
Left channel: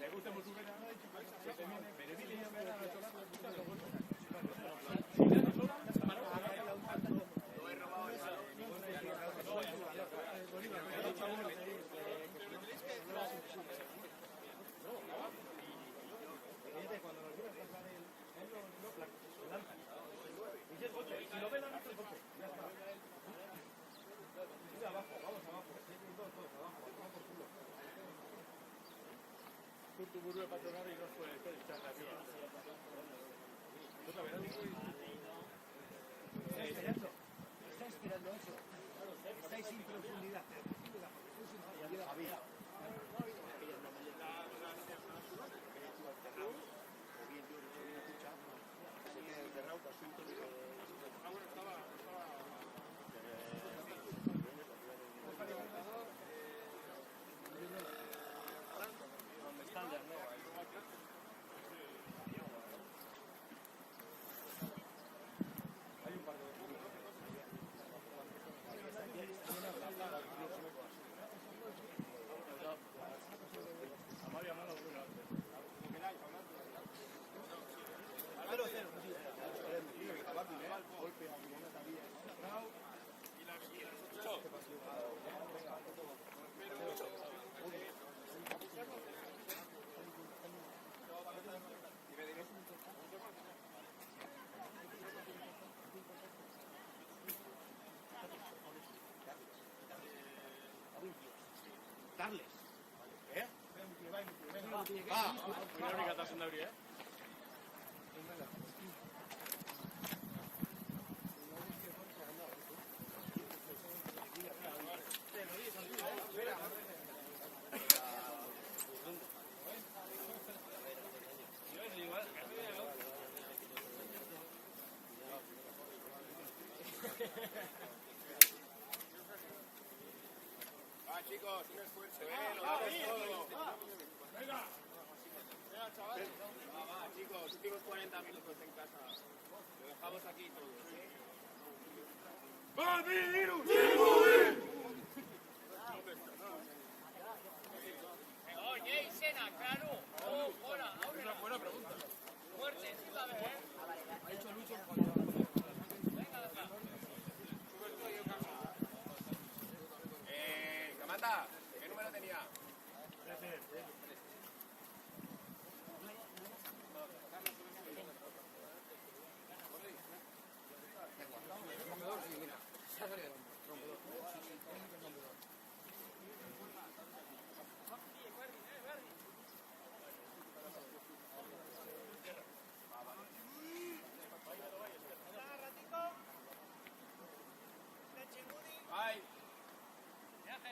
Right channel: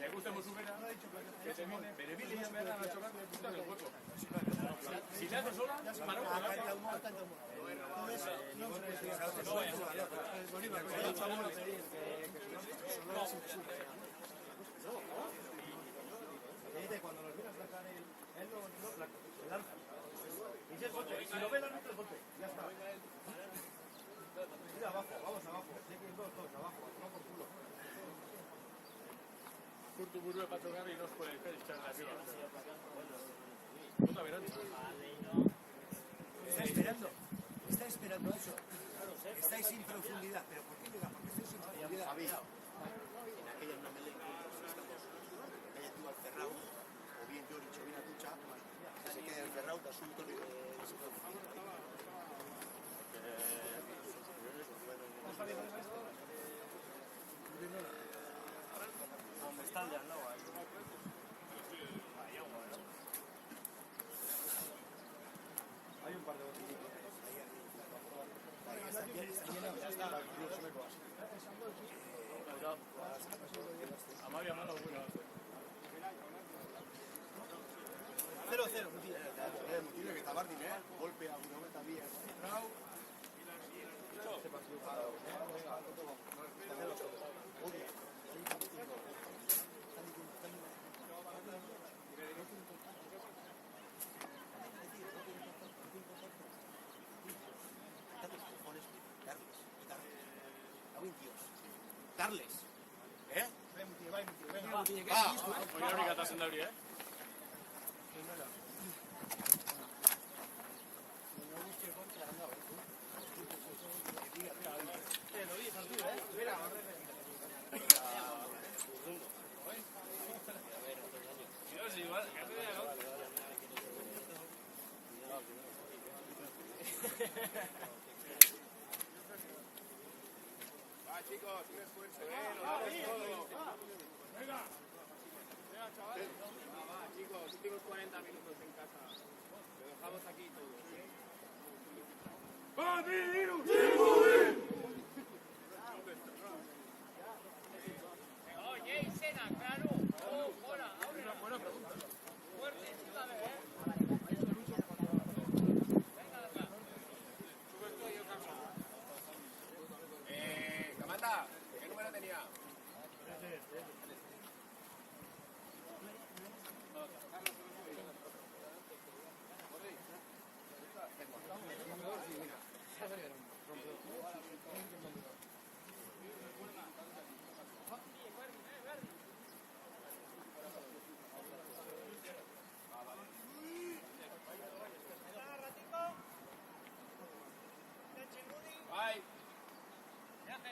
Le gusta mucho que se viene, pero viene ya me da la chola de puta del hueco. Si te haces sola, se amarra. Cuando los miras sacar él lo lanza. Dice el coche, si lo ve la luz del coche, ya está. Mira abajo, vamos abajo. Todos abajo, vamos por culo. Tu muro de patronar y no por el pelo, echar la tierra. Está esperando eso. Estáis sin profundidad, pero ¿por qué le va? Estáis sin profundidad. Aquella una melena que haya tirado cerrado, o bien yo he dicho bien a ducha, se queda cerrado de asunto que se puede. Cuando está el de al lado, Darles. ¿Eh? Voy a mirar en Gabriel, ¿eh? Chicos, tengo 40 minutos en casa. Lo dejamos aquí todos, ¿eh? Oye, Sena, claro. Oh, hola, muerte, Camanda, ¿qué número tenía? Bye. Viaje.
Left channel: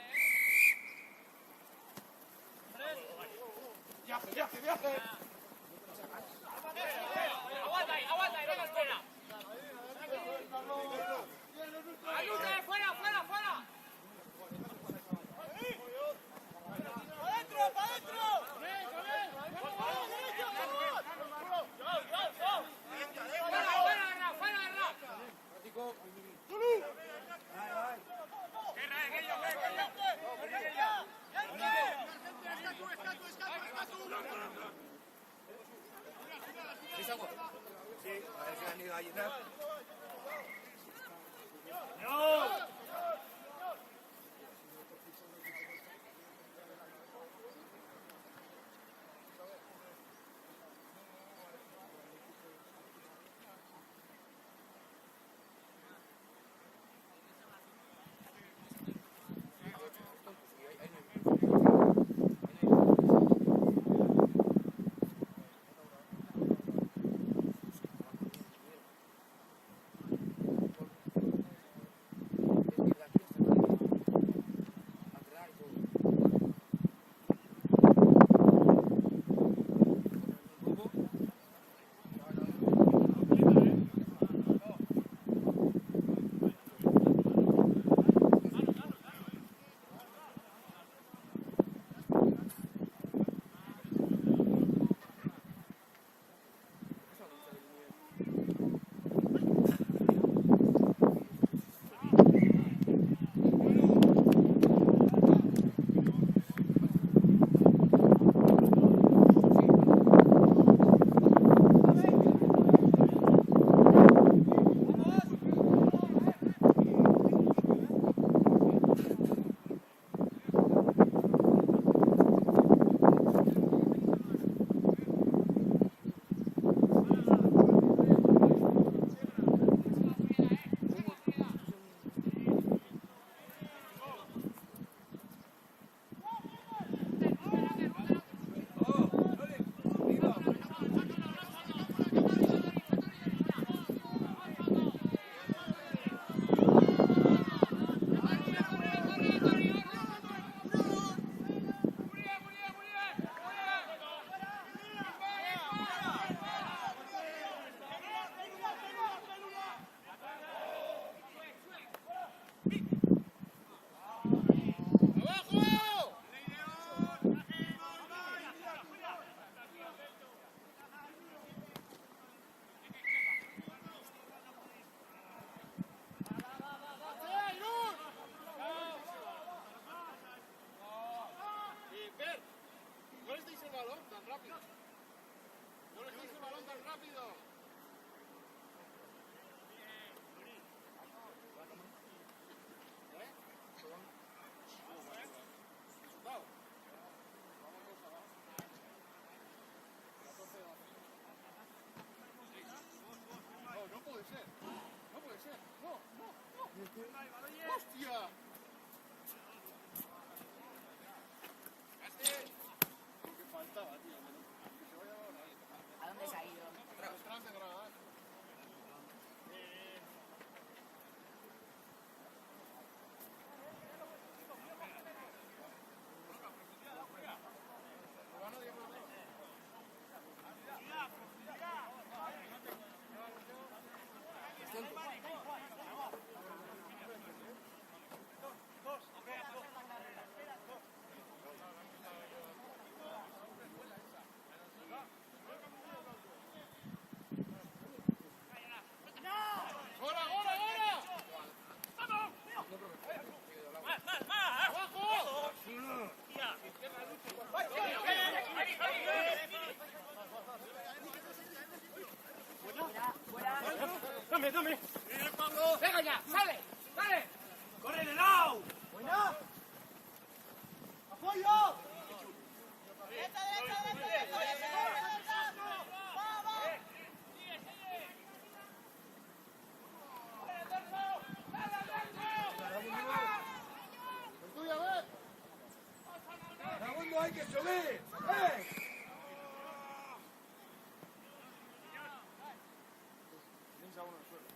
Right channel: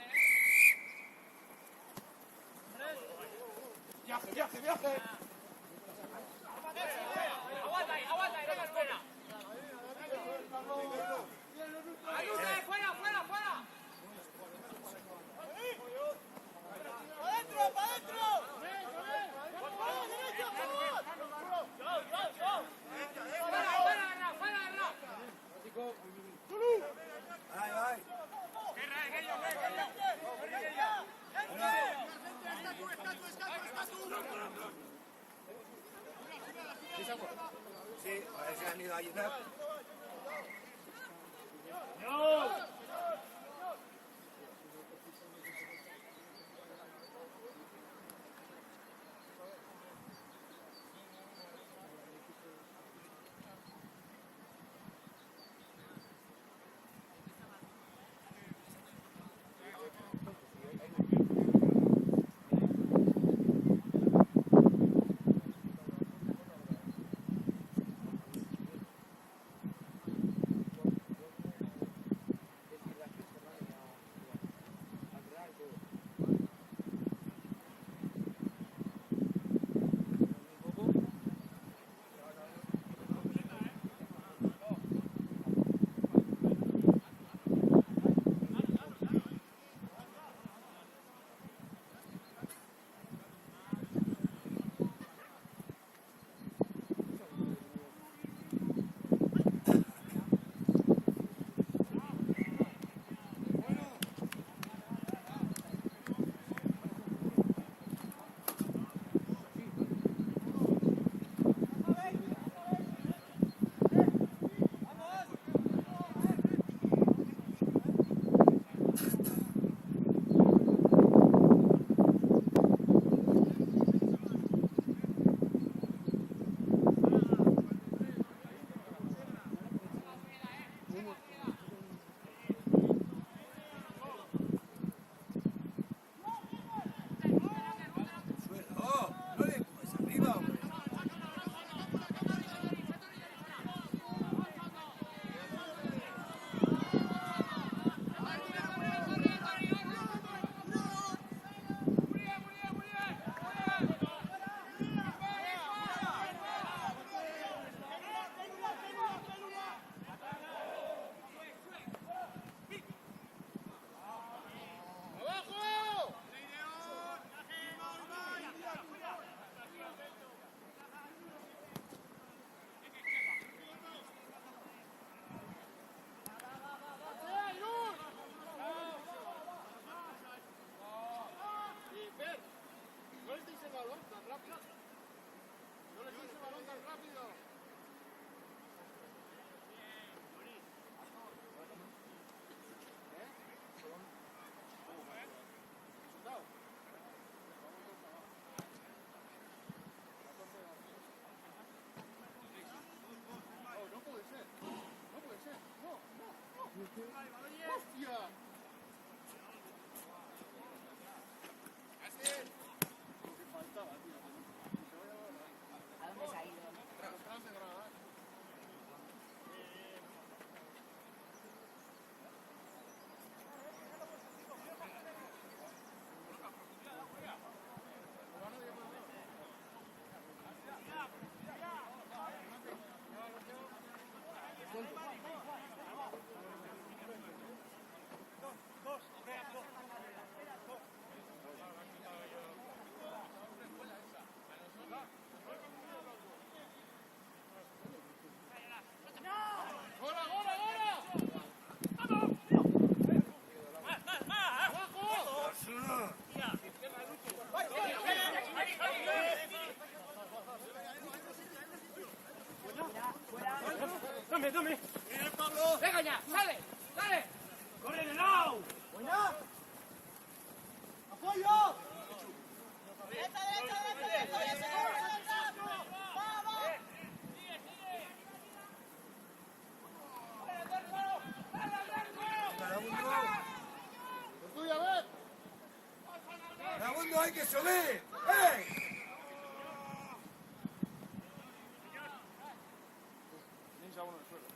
Aguanta ahí, venga, fuera. Ayuda, fuera. ¡Para adentro! ¡Para la derecha, por favor! Sí, parece que han ido a ayudar. Venga ya, sale, sale. ¡Corre de lado! ¡Buena! ¡Apoyo! ¡Es tuya, ver! ¡Segundo hay que subir! ¡Eh! Hincha uno en el suelo.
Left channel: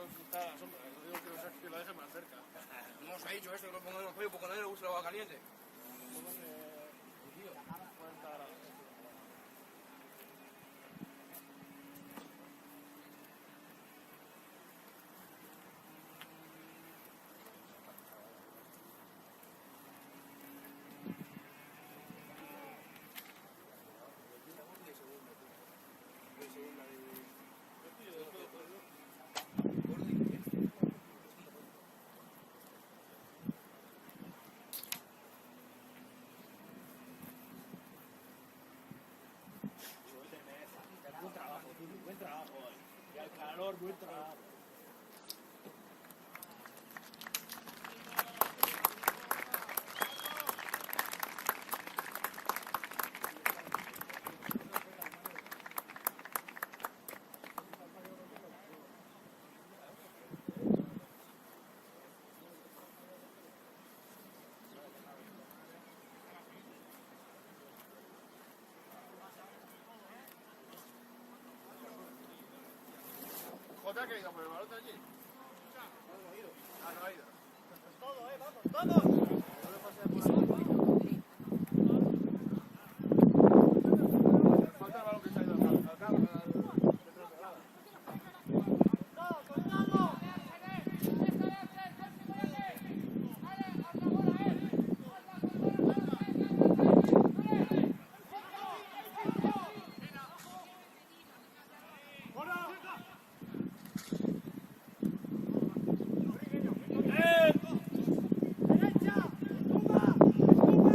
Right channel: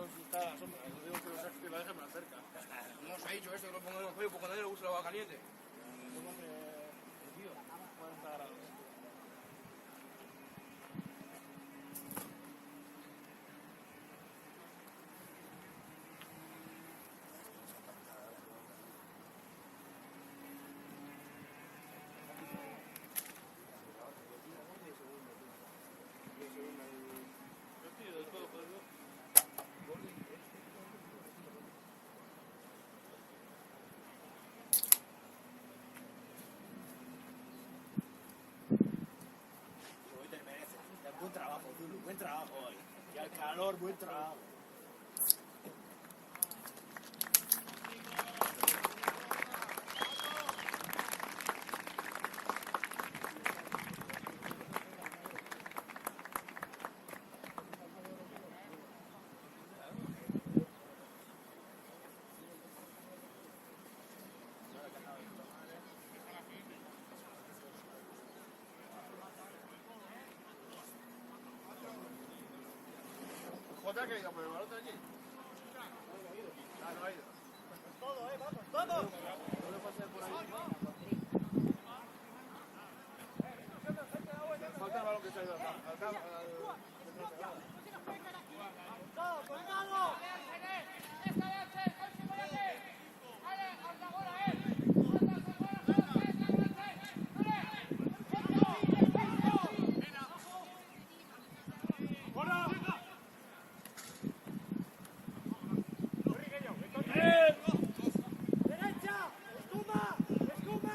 No, si está a la sombra, lo digo que lo deje más cerca. No os ha dicho eso, que lo pongo en el frío, porque a nadie le gusta el agua caliente. Póngase 40 grados. Buen trabajo, Zulu, buen trabajo hoy. Y al calor, buen trabajo. ¿Jota ha querido por el balón de aquí? Ah, no ha ido. Todo, vamos, vamos. No lo pasé por ahí. Falta el balón que se ha ido al cabo, detrás de grada. ¡Cortado, cortado! ¡Derecha! ¡Estumba! ¡Estumba!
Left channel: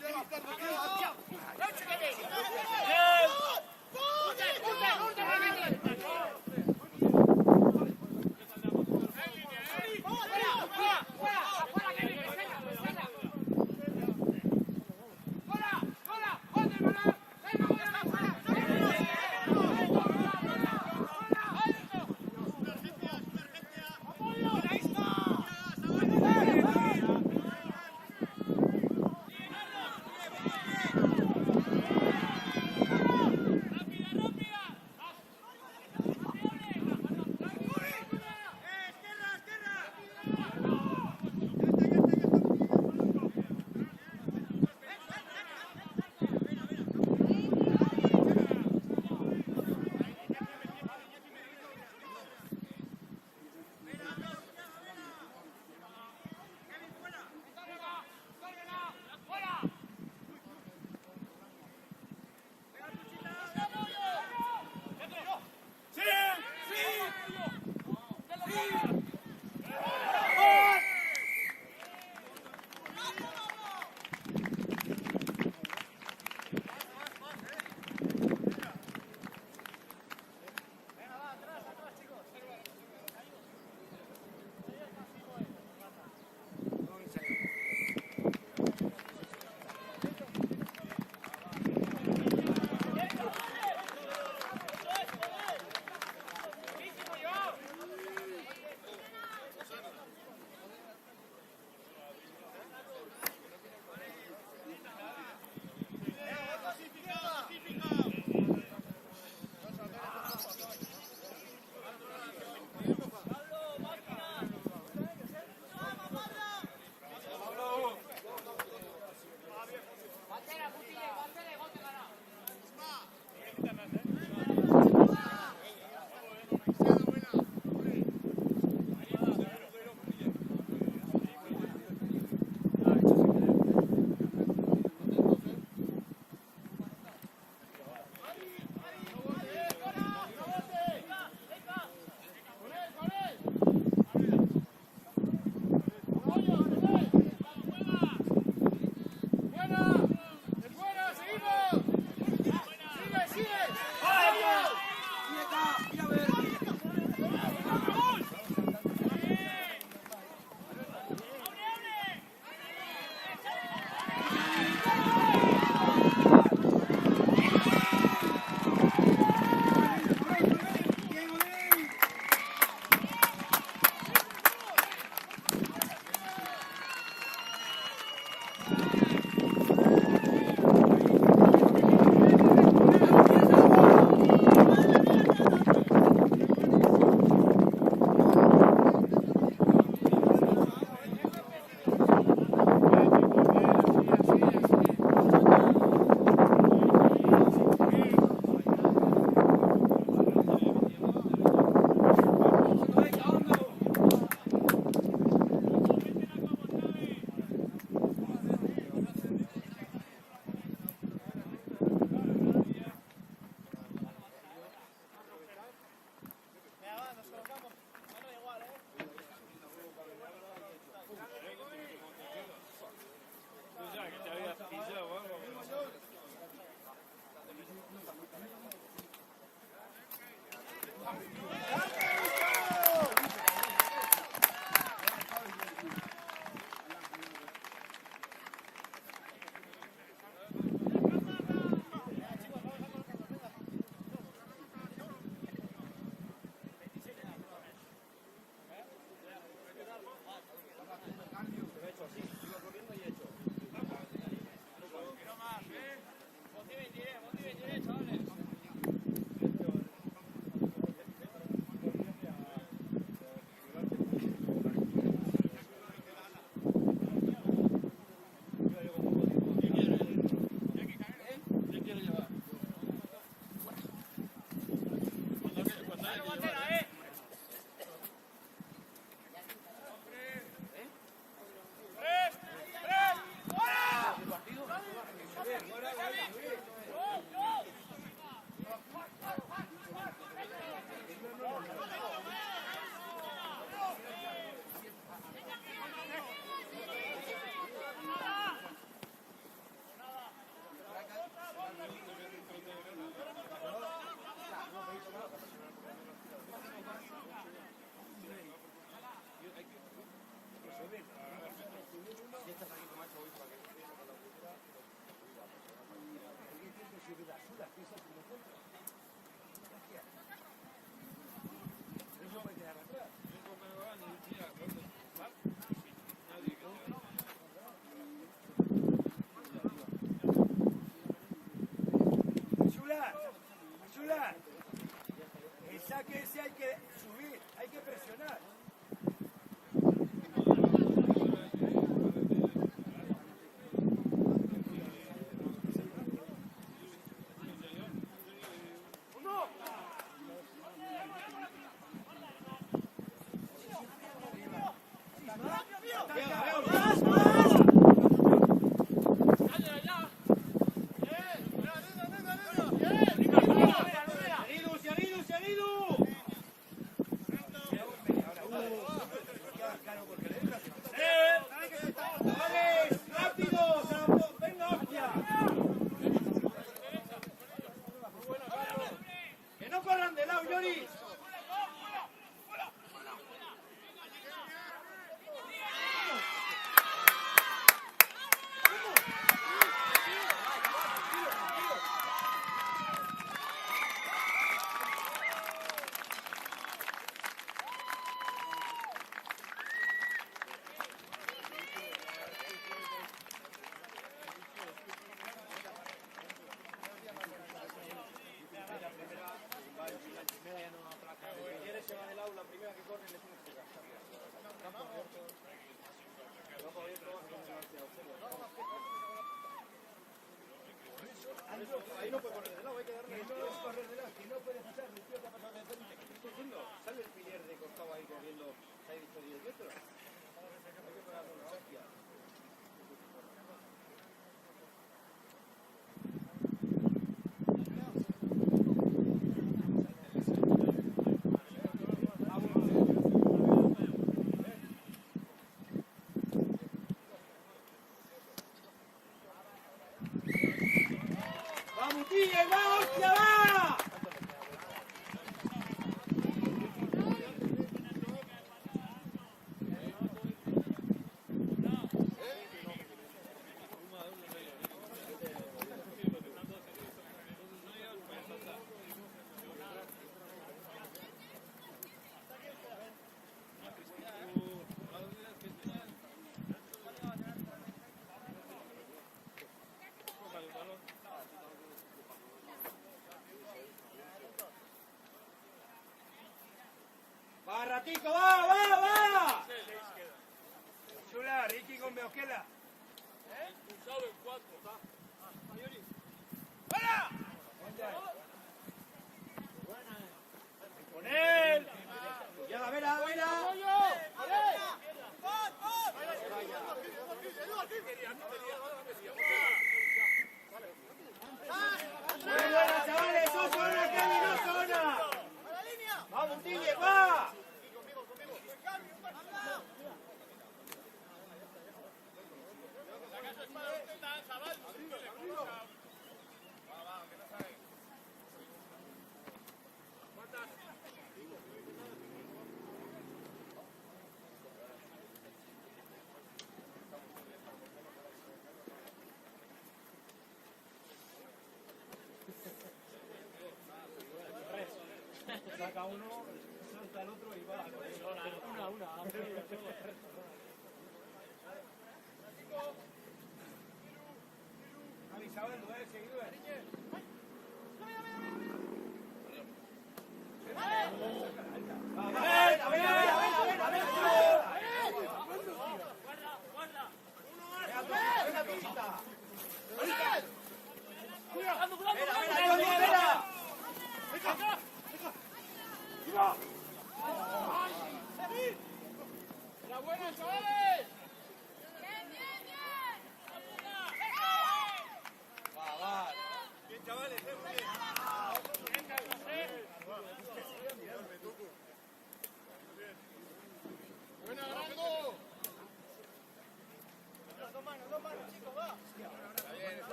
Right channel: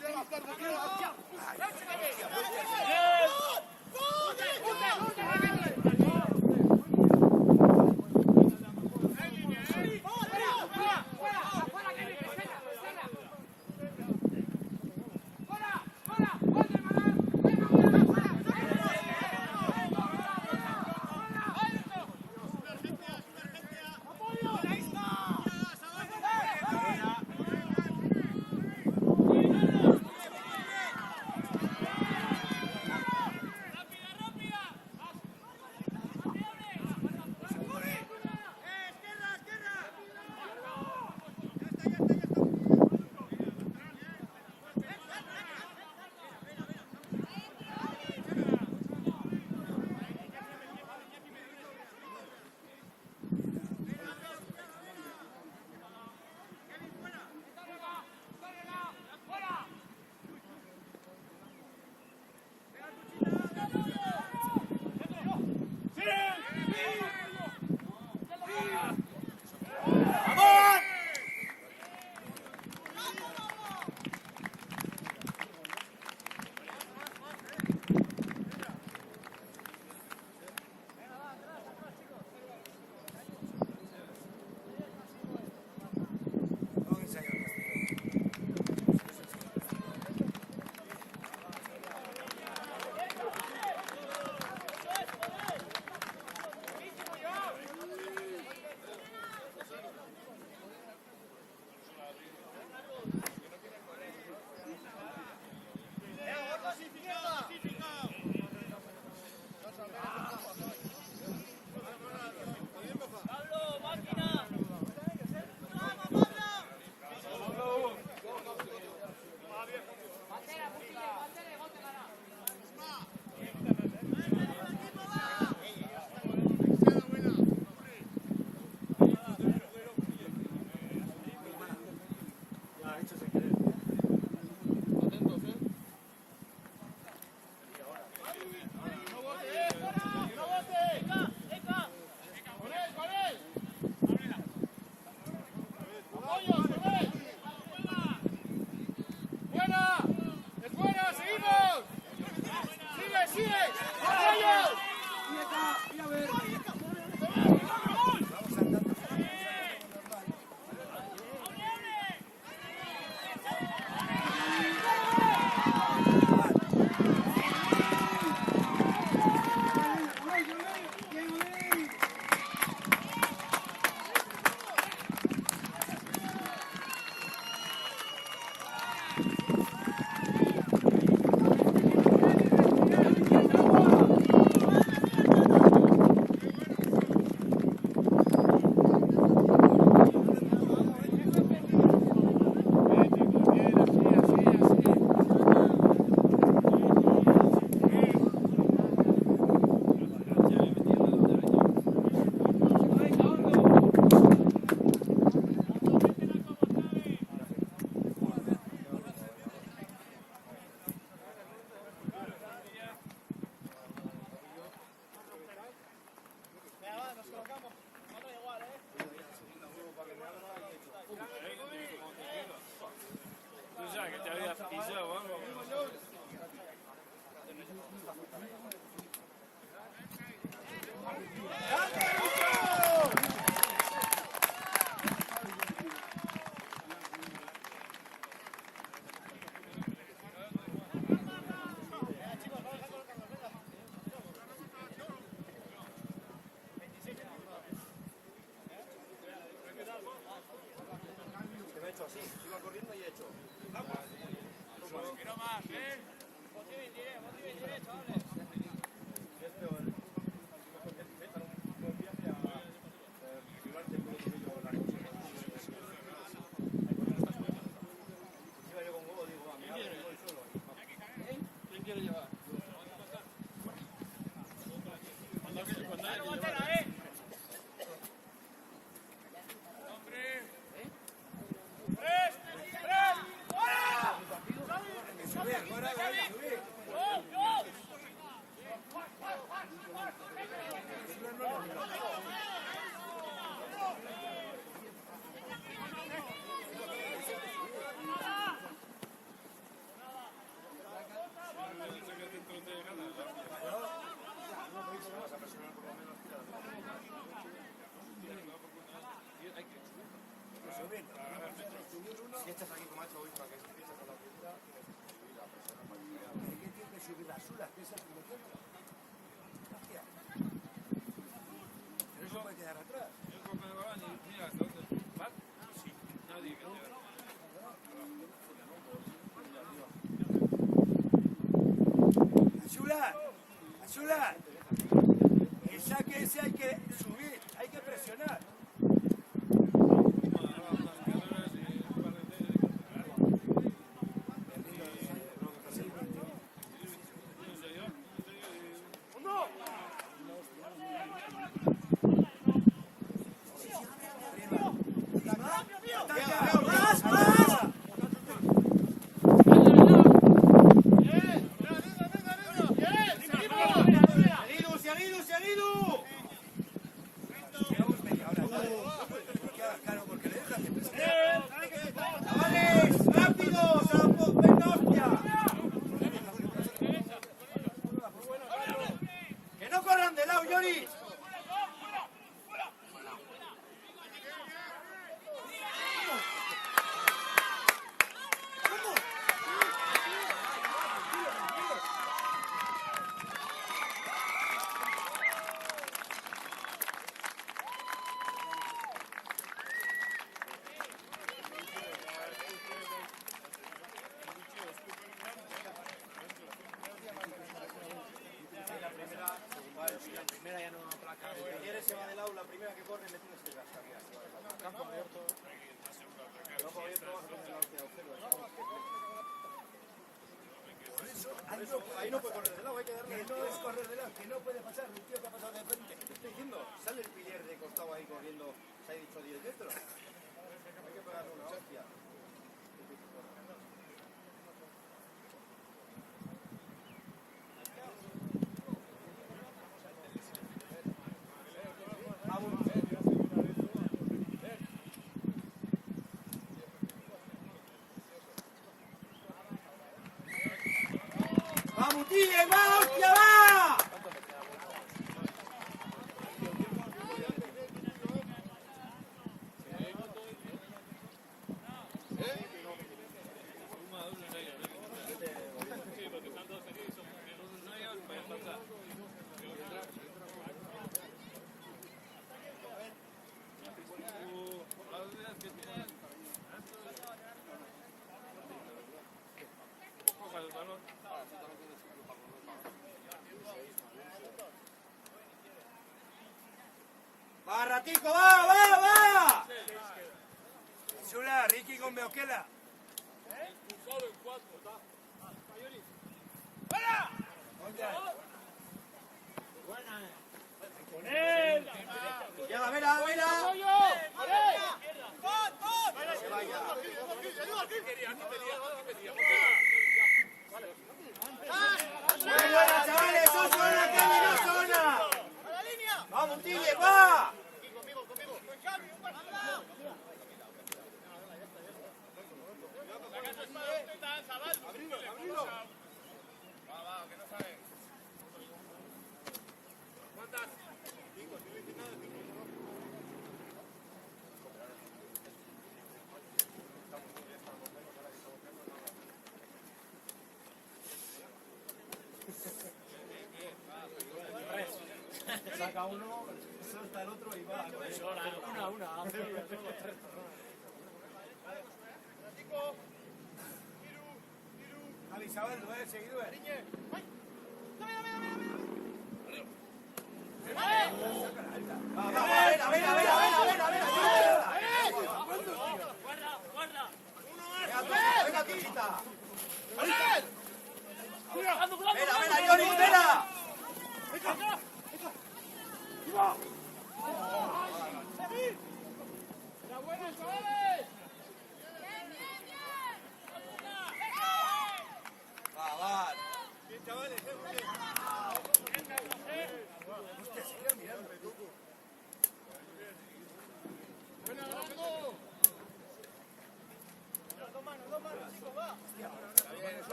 Llegas, Carlos, llegas. ¡Buena! ¡Es buena! ¡Seguimos! Chula, el saque ese hay que subir, hay que presionar. Ahí no puede correr de lado, hay que darle. No es correr de lado, que no puede pasar, el tío que ha pasado de frente. Estoy diciendo, sale el piller de costado ahí corriendo, se ha dicho 10 metros. Hay que pegarle una hostia. ¡Vamos, Tigre! ¡Va, hostia, va! ¡Va, Ratico, va! Chula, Ricky con Beoquela. ¡Fuera! ¡Con él! ¡Ya, mira! ¡Muy buena, chavales! ¡Eso suena, que no suena! ¡Vamos, Tigre, va! Saca uno, suelta el otro y va. Una. Javi Sabando, seguidor.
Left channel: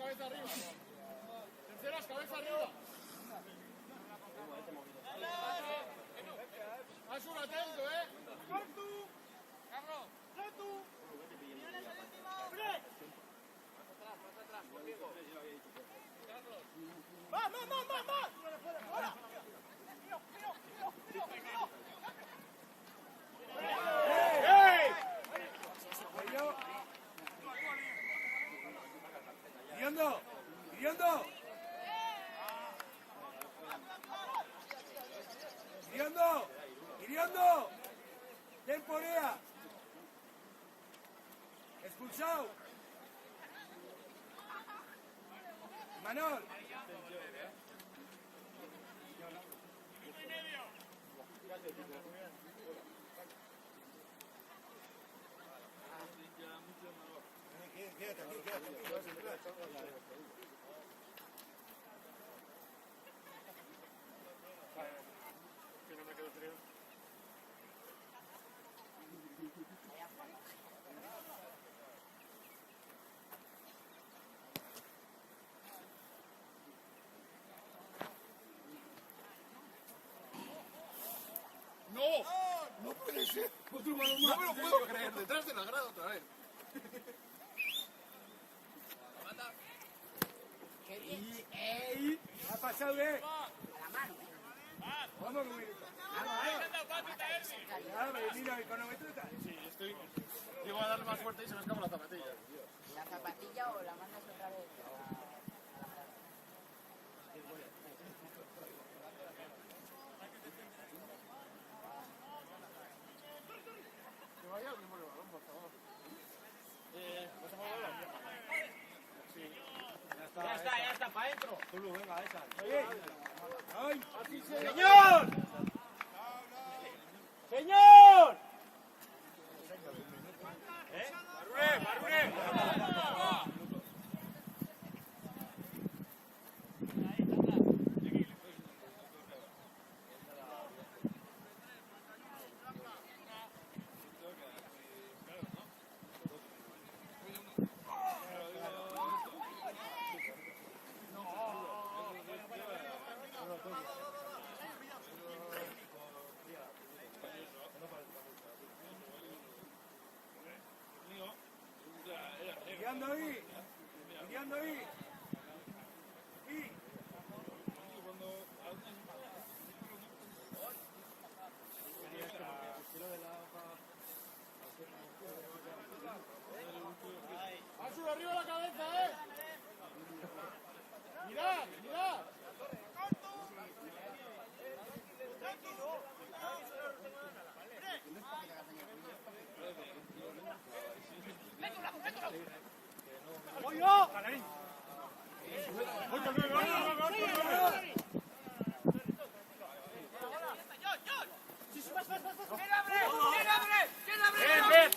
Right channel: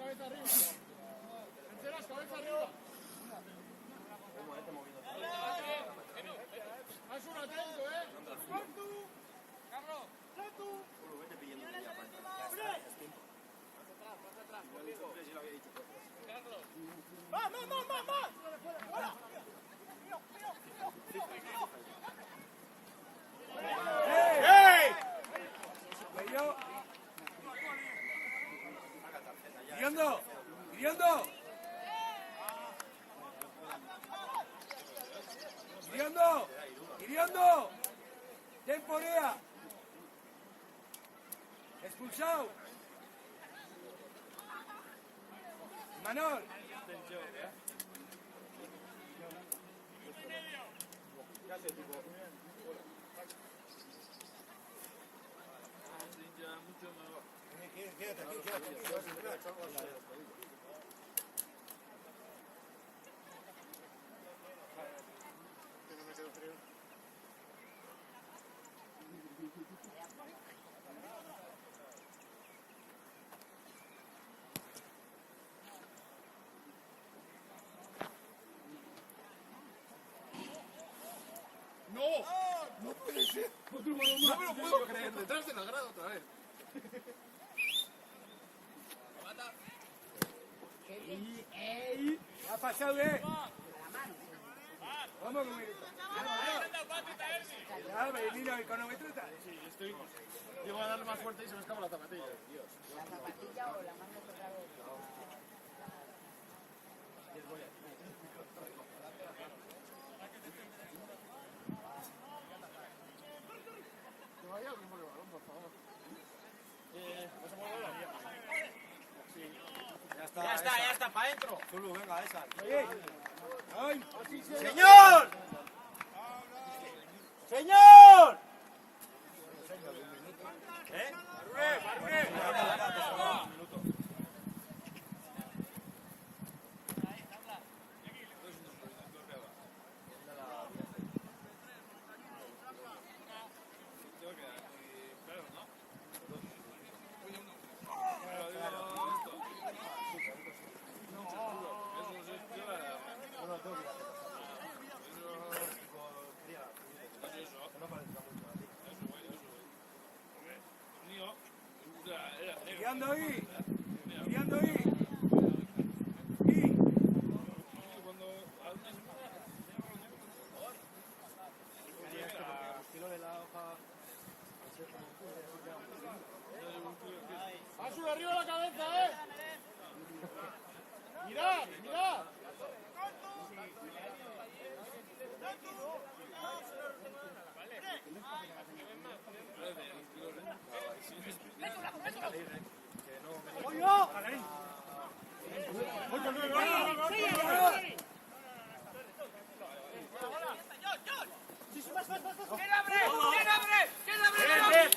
cabeza arriba. Sinceras, cabeza arriba. Haz un atento, Carlos. Más atrás, conmigo. ¡Más! ¡Fuera! ¡Iriando! ¡Iriando! ¡Iriando! ¡Iriando! ¡Temporea! ¡Expulsado! ¡Manol! Quédate aquí. No puede ser. No me lo puedo creer. Detrás de la grada otra vez. ¿Ha pasado bien? ¿Cómo que me grita? Ya, me vino el cronómetro y tal. Sí, estoy... Llego a dar más fuerte y se me escapa la zapatilla. Dios. La zapatilla o la mano que trae. Que vaya alguien por el balón, por favor. ¿Vas a jugar el balón? Sí. Ya está, para adentro. Zulu, venga, esa. Oye, ¡ay! ¡Así se... ¡Señor! ¡Señor! ¡Iriando ahí! ¡Iriando ahí! ¡Asu, arriba la cabeza, ¡Mirad!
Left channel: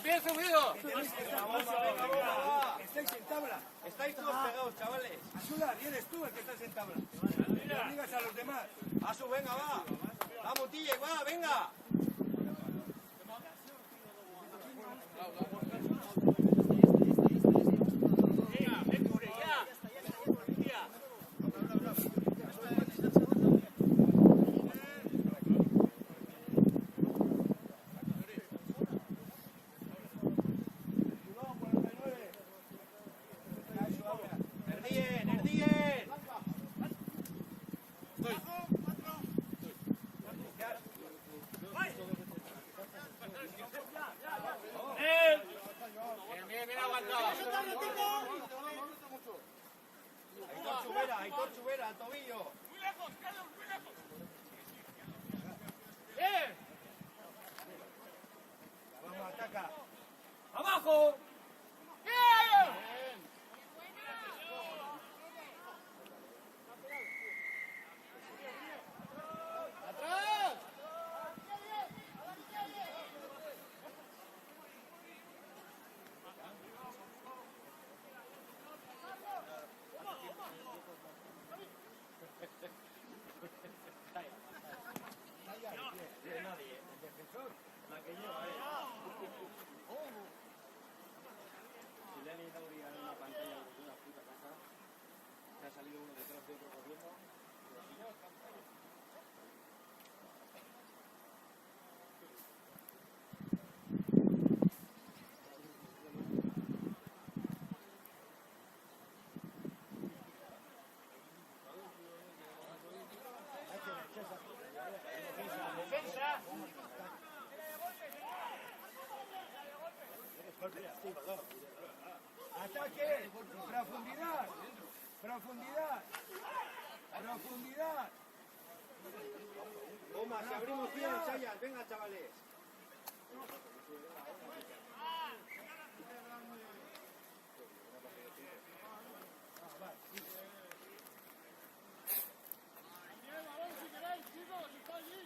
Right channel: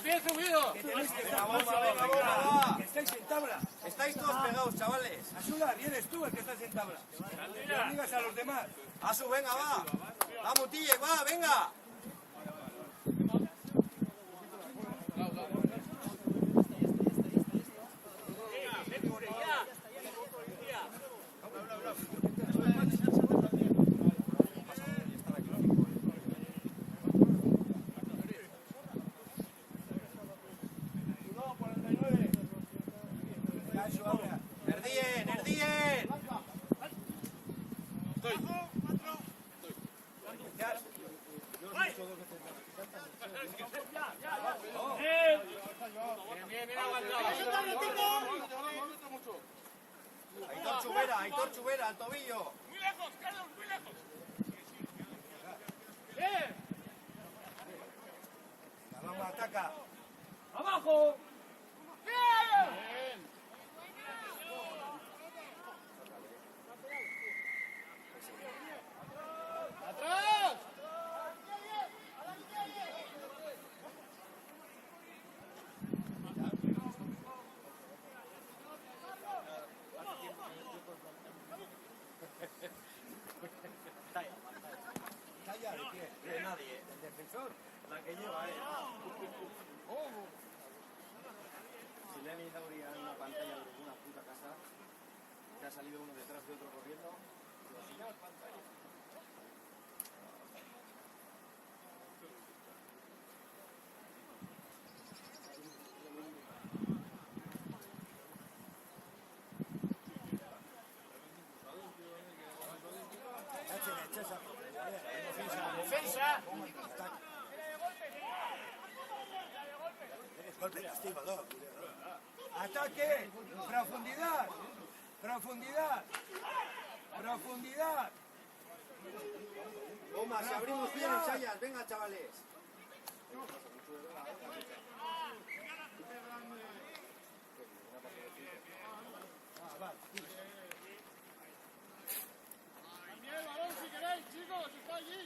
¡Bien subido! ¡Estáis en tabla! Estáis todos pegados, chavales. Ayuda, vienes tú el que estás en tabla. No digas a los demás. Asu, venga, va. Vamos, Tille, va, venga. Erdien, Erdien. Aitor Chubera, al tobillo. Muy lejos, Carlos, muy lejos. La Roma ataca. ¡Abajo! ¡Atrás! Nadie, el defensor. La que lleva, salido uno detrás de otro corriendo. Ataque, profundidad, profundidad, profundidad. Toma, si abrimos bien, Sayas. Venga, chavales. Cambiad el balón si queréis, chicos, si está allí.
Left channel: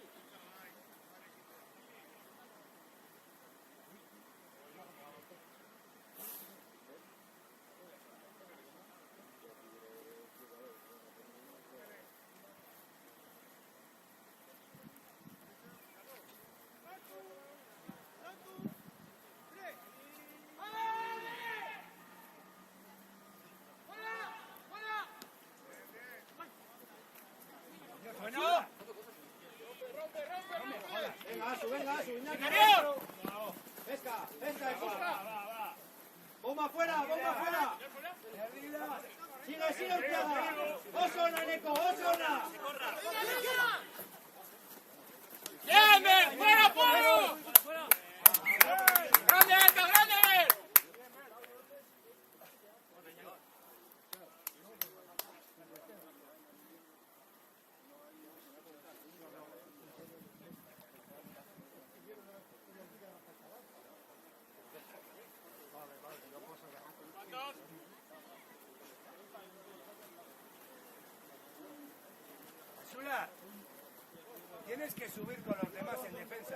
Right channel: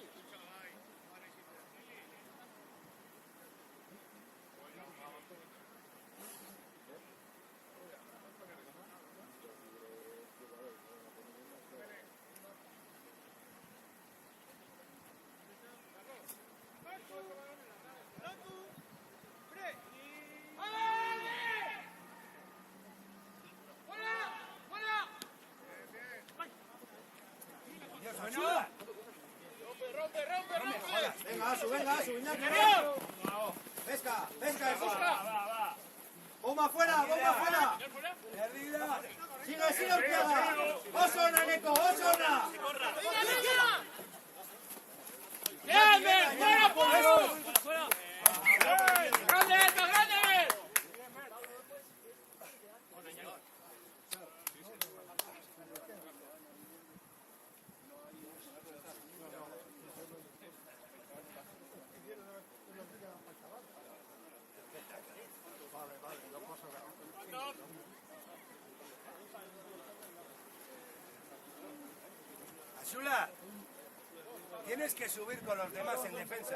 Ayuda. Venga, Asu, Iñaki. Pesca, bomba fuera, bomba fuera. Perdida. Sigue, Ortega. Osona, Neko, Osona. ¡Bien, fuera, Pablo! ¡Grande, alto, grande! Asula, tienes que subir con los demás en defensa.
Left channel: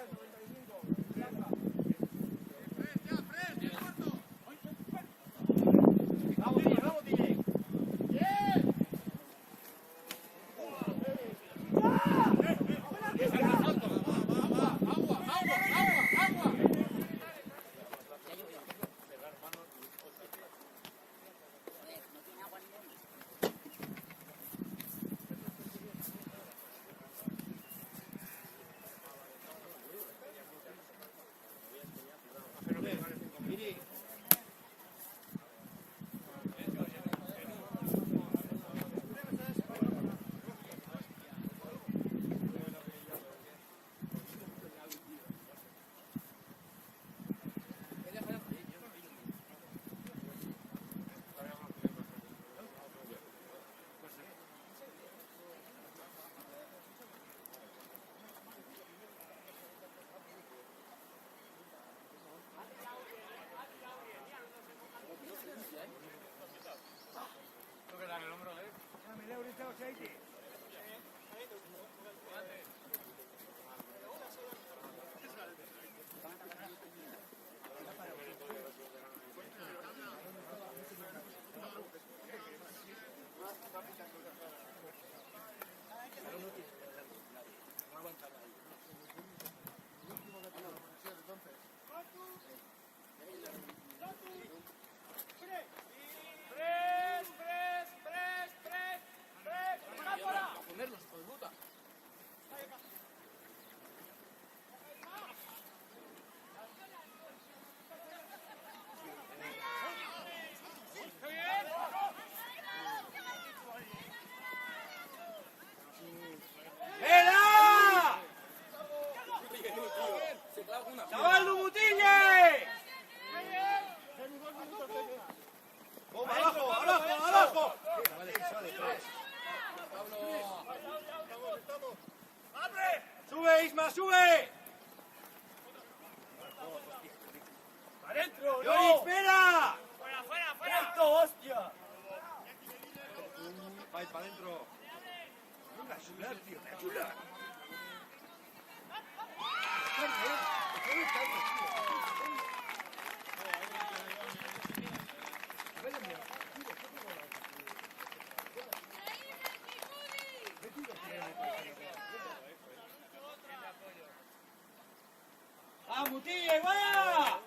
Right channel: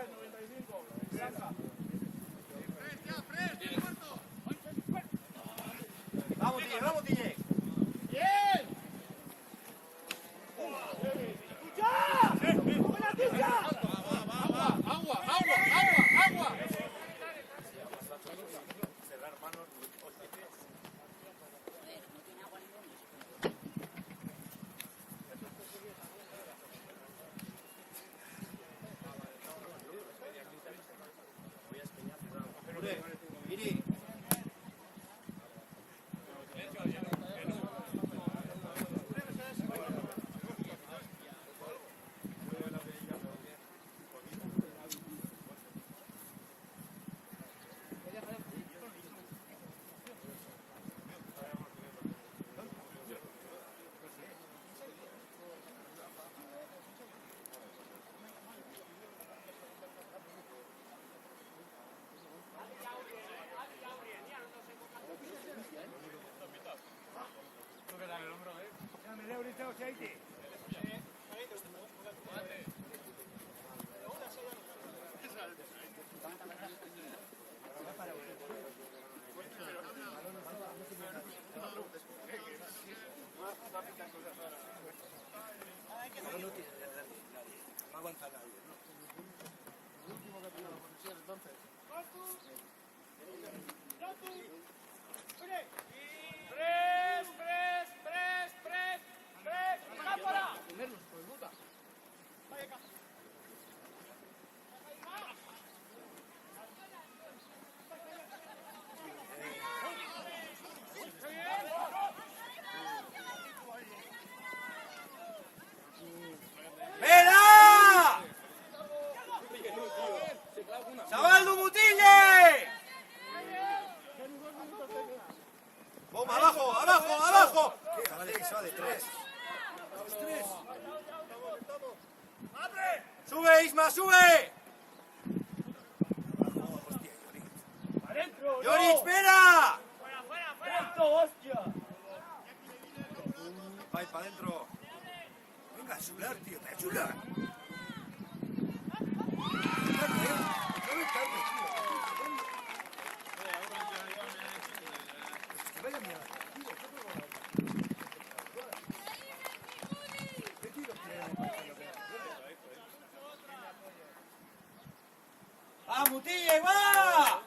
Vamos, Tille. ¡Agua! Miri. No aguanta nadie. ¡Vela! ¡Chavaldo Mutille! ¡Bomba, abajo! Suave, 3. ¡Sube, Isma, sube! ¡Adentro! ¡Yori, espera! ¡Esto, hostia! Va para adentro. Venga, Asula, tío, te ayuda. ¡Ah, Mutille, va!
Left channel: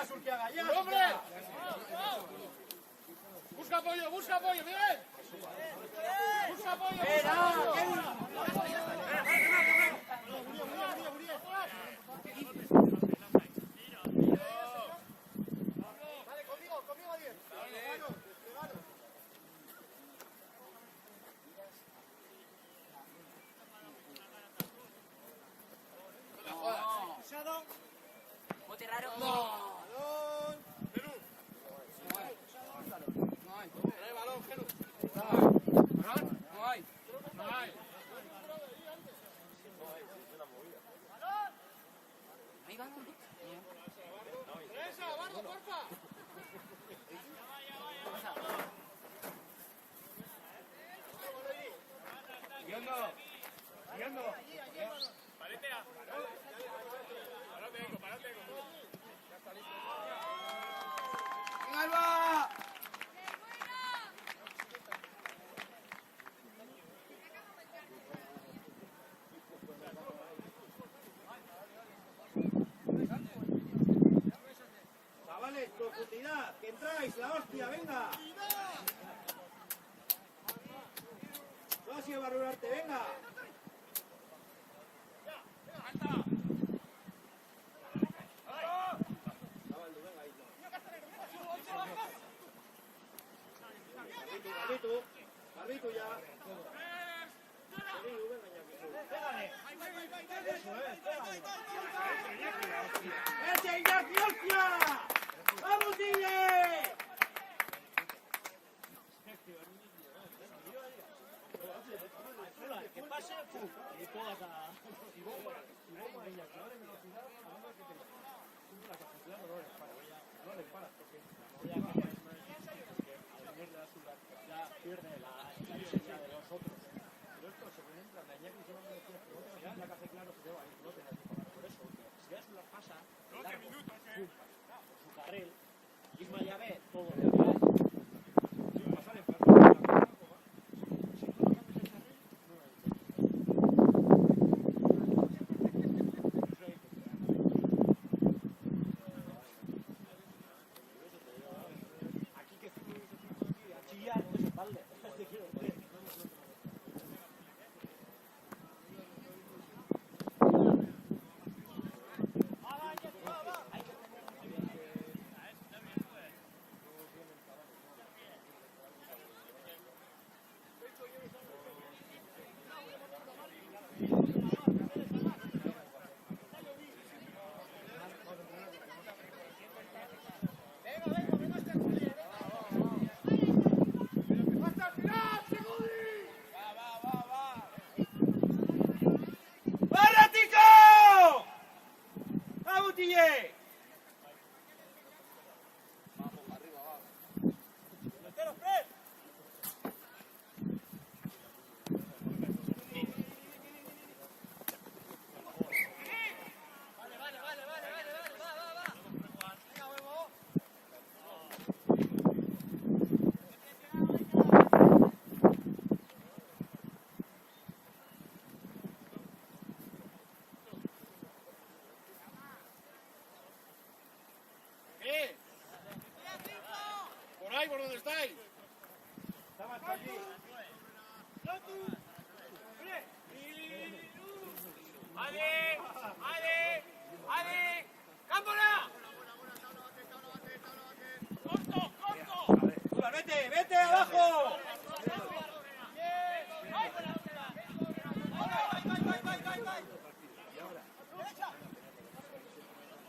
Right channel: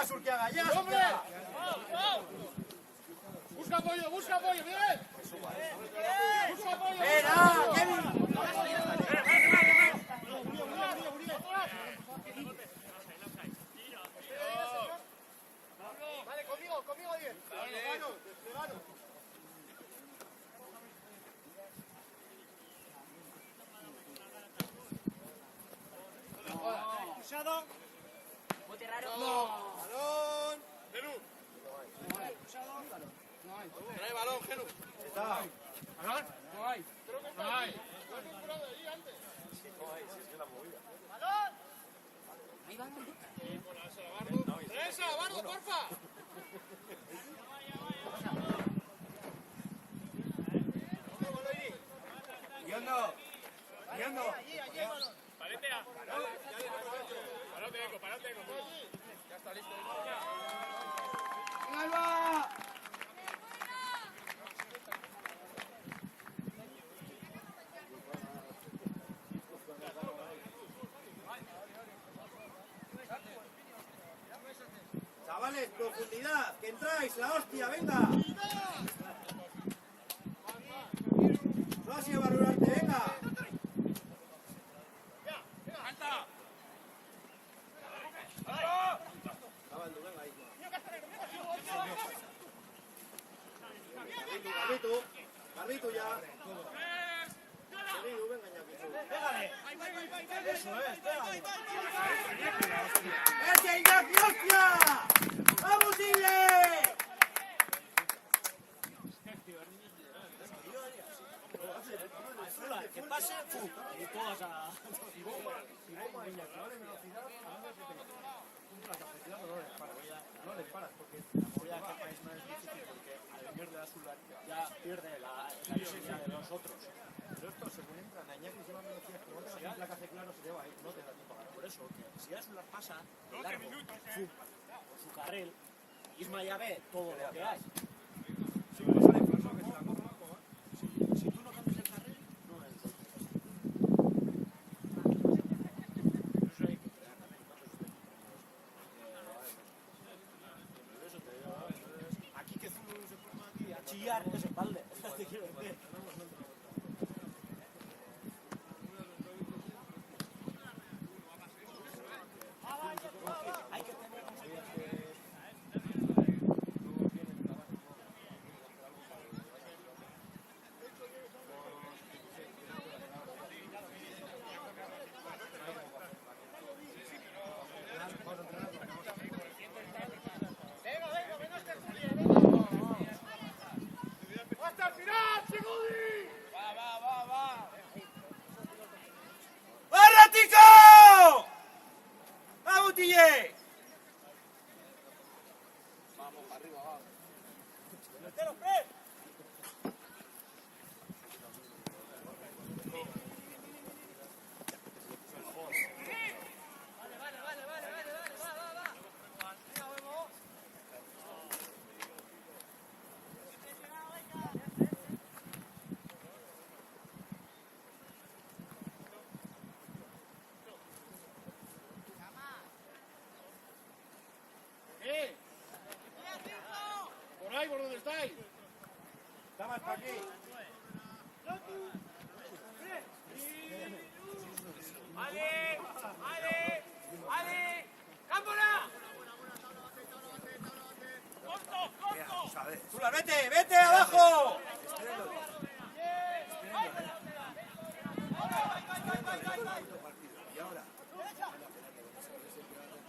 Venga, Surquiaga, ya. ¡Hombre! Busca apoyo, Miguel. Busca apoyo. Vale, conmigo 10. Bote raro. Ay. Ahí va, ¿no? Chavales, profundidad, que entráis, la hostia, venga. Suasi de Barrurarte, venga. Carlito ya. ¡Ese Ignacio, hostia! ¡Vamos, Tigre! Que pase, y todas a... No les paras, porque voy a cambiar es más difícil, porque al venir de la ciudad ya pierde la esencia de los otros. Pero esto se ven en plan de Añaki, si no me decías que otra vez la que hace claro se lleva, no te da tiempo. Por eso, que si Azular pasa, largo, su carril, Isma ya ve todo lo que hace. Si no sale falso, si tú no cambias el carril, no es. Aquí que Zulu se pone aquí a chillar, eso es balde. Te quiero decir. ¡Hasta el final, Seguri! ¡Va, Ratico! ¡Vamos, Tille! Por ahí, por donde estáis. Está más para aquí. ¡Ale! ¡Vámonos! Zula, vete abajo.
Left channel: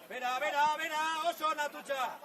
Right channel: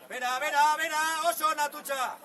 Vera, oso, Natucha.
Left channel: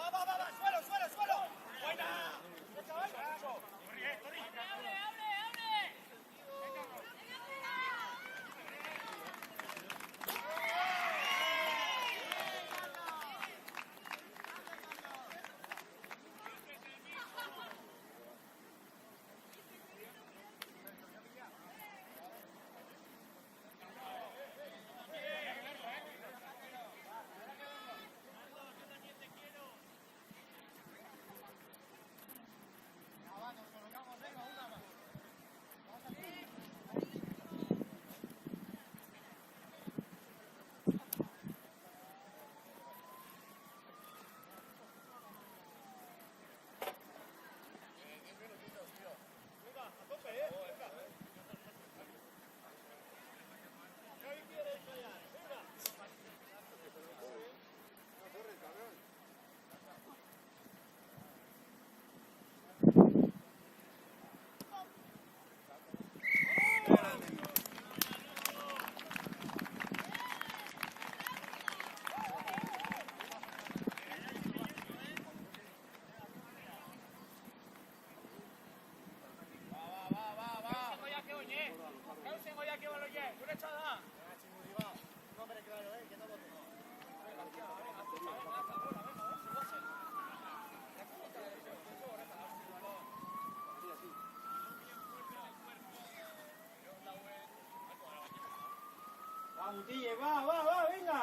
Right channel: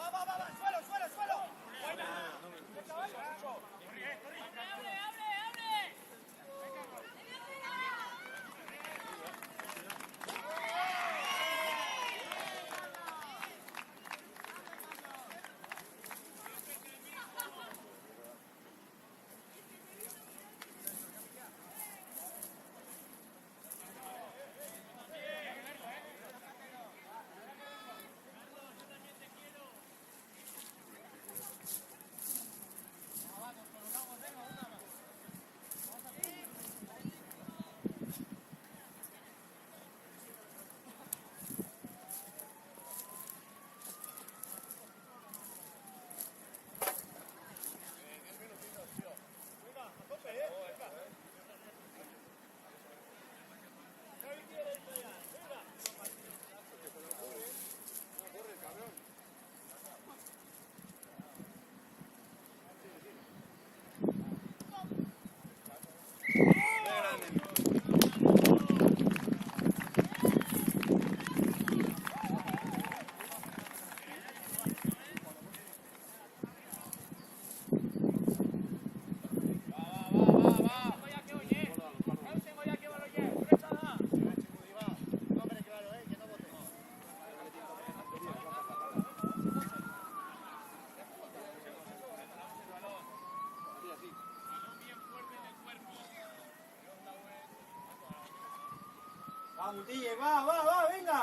Mutille, va, venga.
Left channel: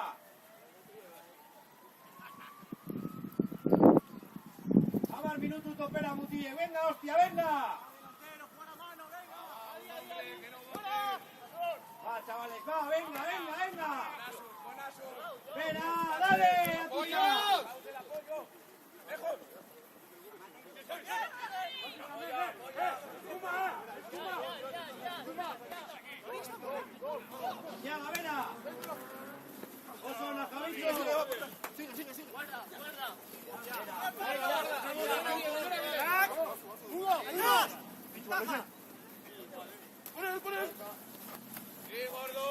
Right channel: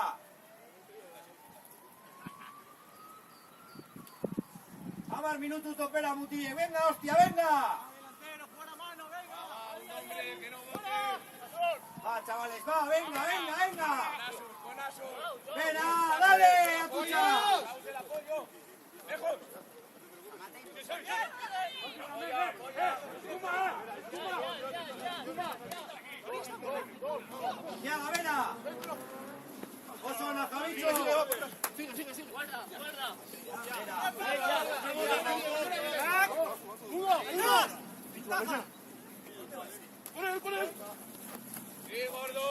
Vamos, minuto topera, Mutille, venga, hostia, venga. Va, chavales, va, venga. Venga, dale, a tu chaval. Ya, Gavena. Oso, Nazaricho. ¡Por él! ¡Sí, gordo!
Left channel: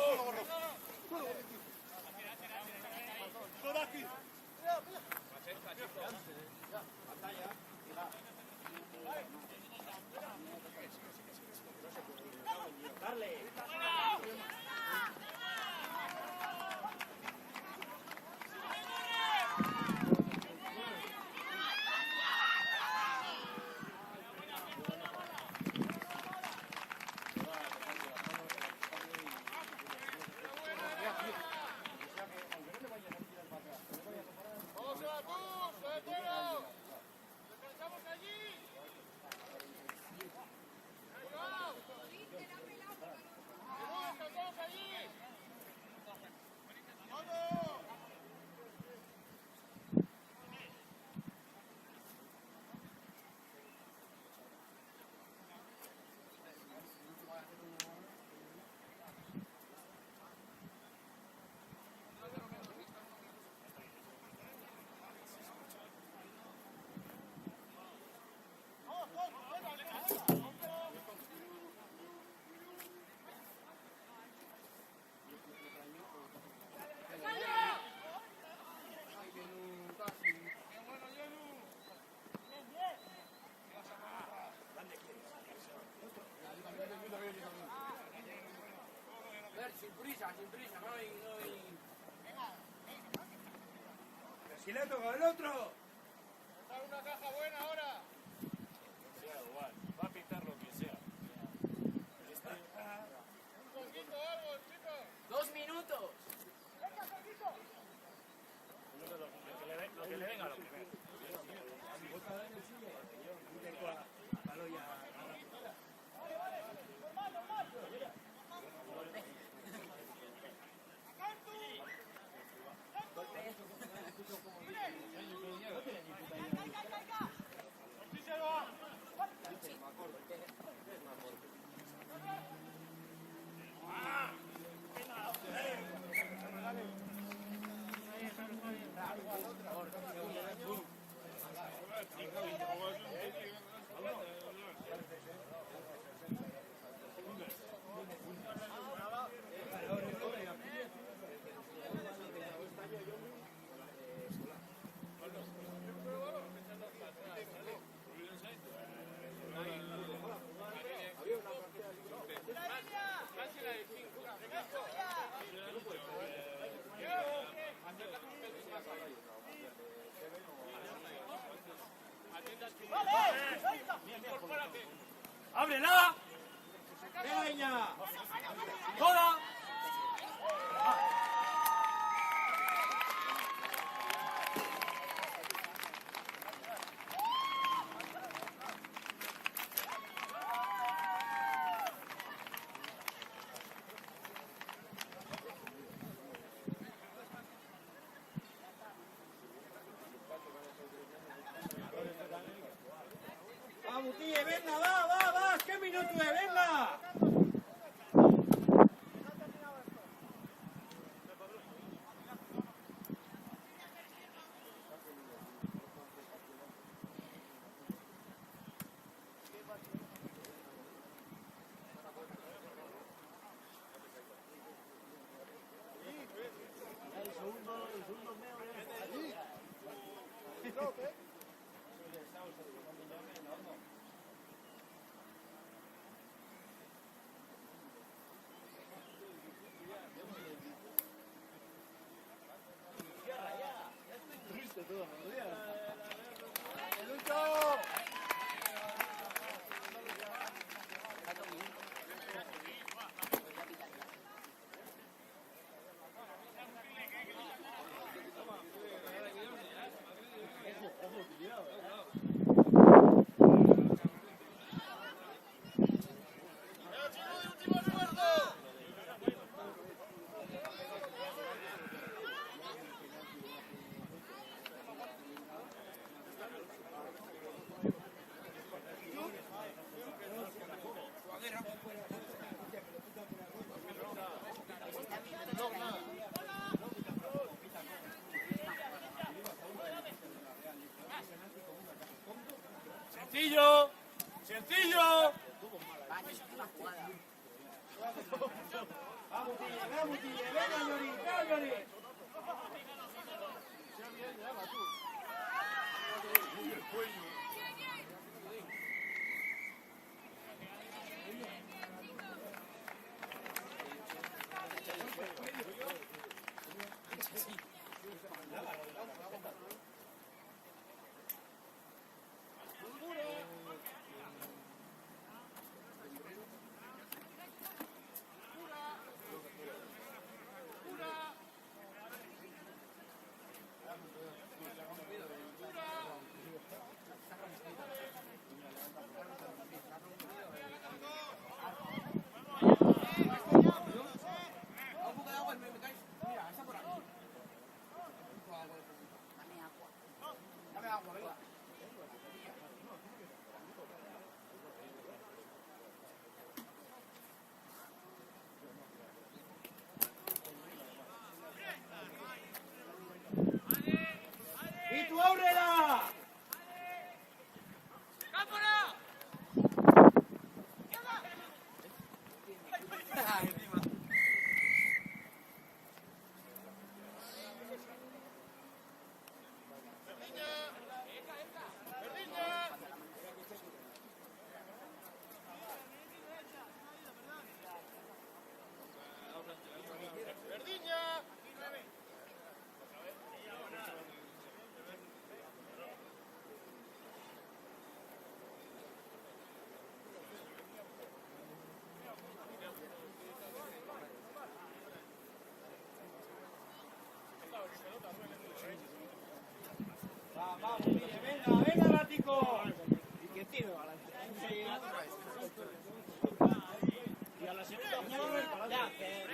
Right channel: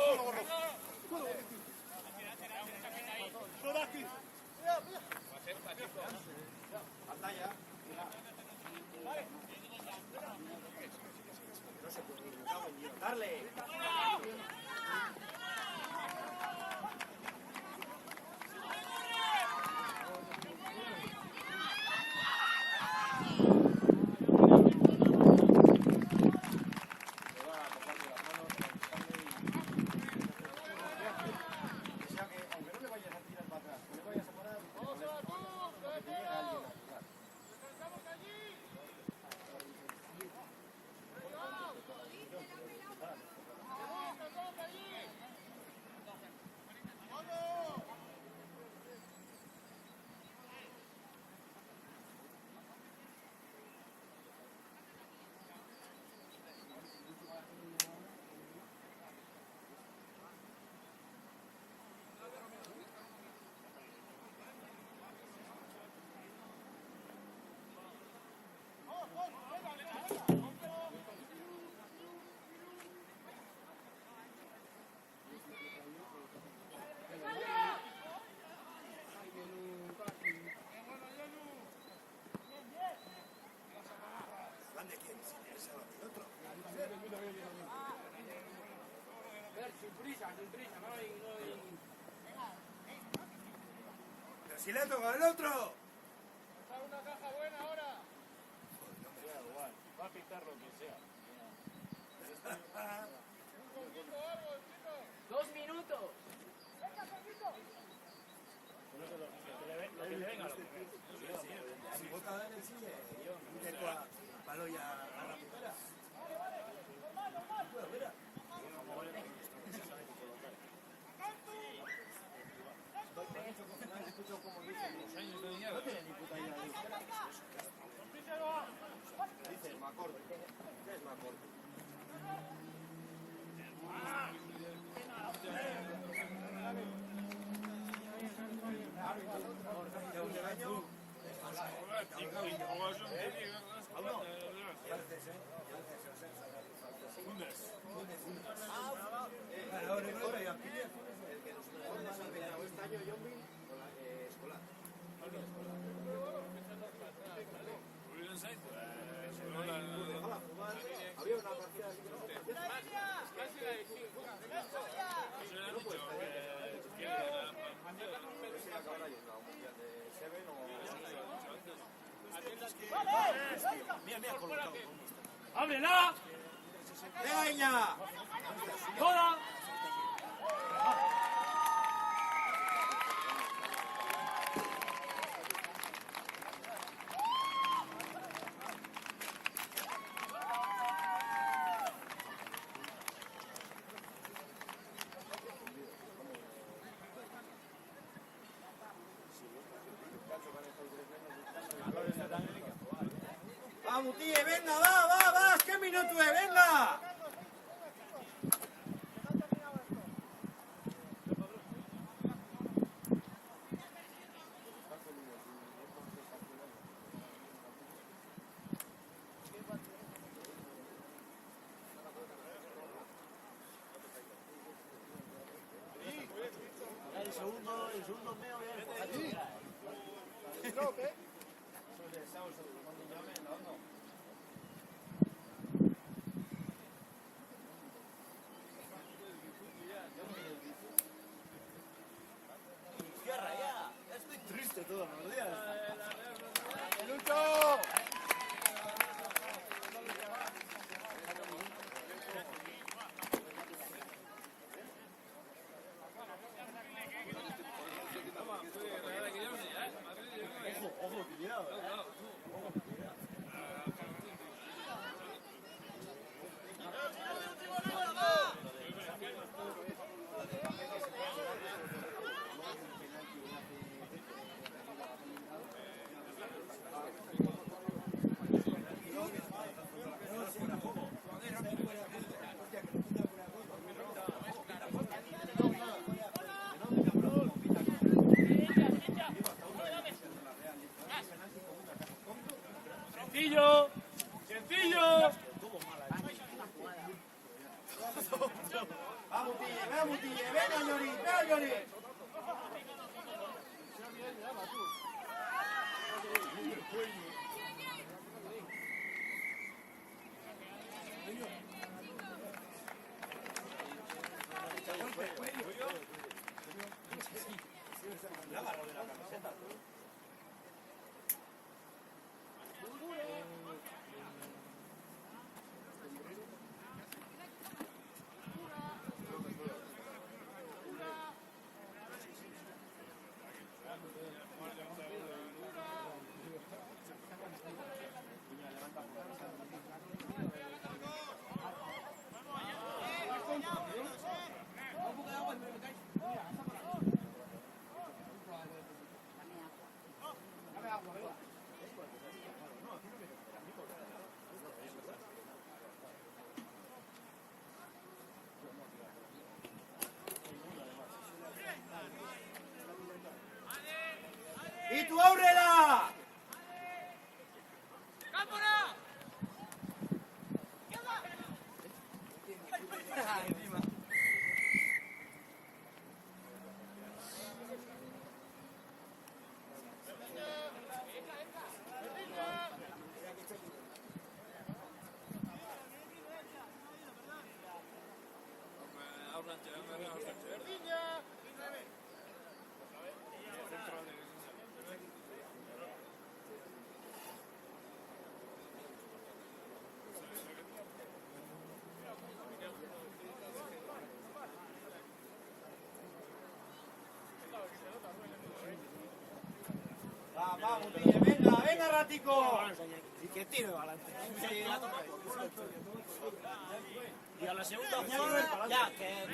Si le toca al otro. ¡Ábrela! ¡Venga, Iña! ¡Joda! Va, Mutille, venga, va, ¿qué minuto es? Venga. Sencillo. Sencillo. Vamos, Tille, venga, Llori, venga, Llori. Sea bien, ya va tú. ¡Y tú, ábrela! Vamos, venga, venga, ratico. Y que tire adelante. Y a la segunda jugada, ya, que...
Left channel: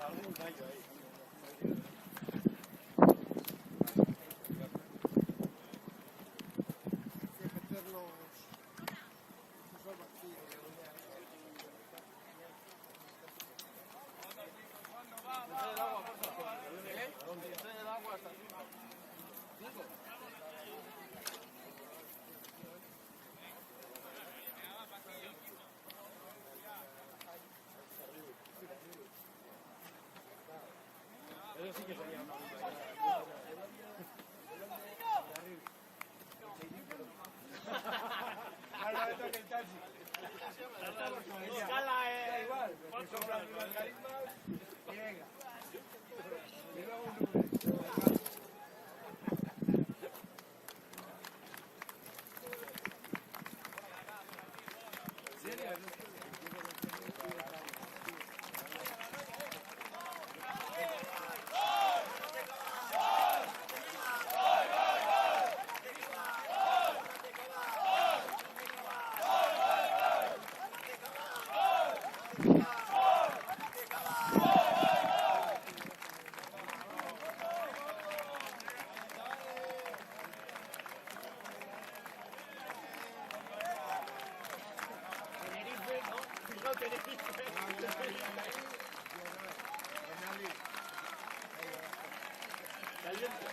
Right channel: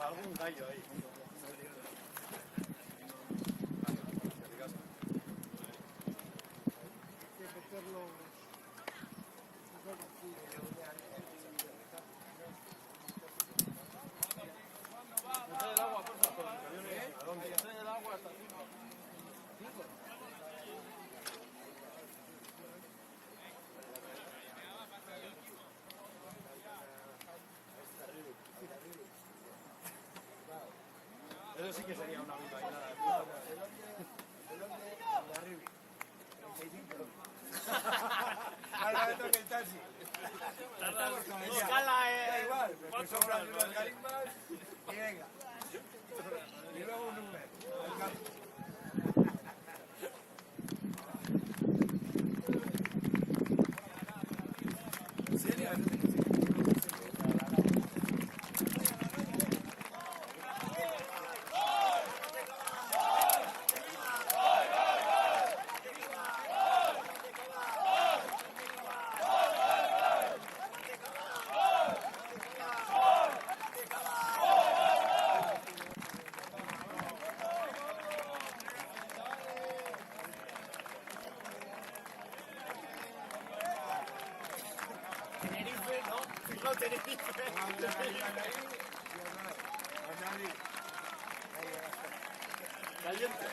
Algún gallo ahí. Trae el agua, por favor. Trae el agua hasta 5. Eso sí que sería una bilbainada. Ahora esto es el taxi. Escala, da igual. Pues sobran unas carismas y venga. Y luego un número. Caliente.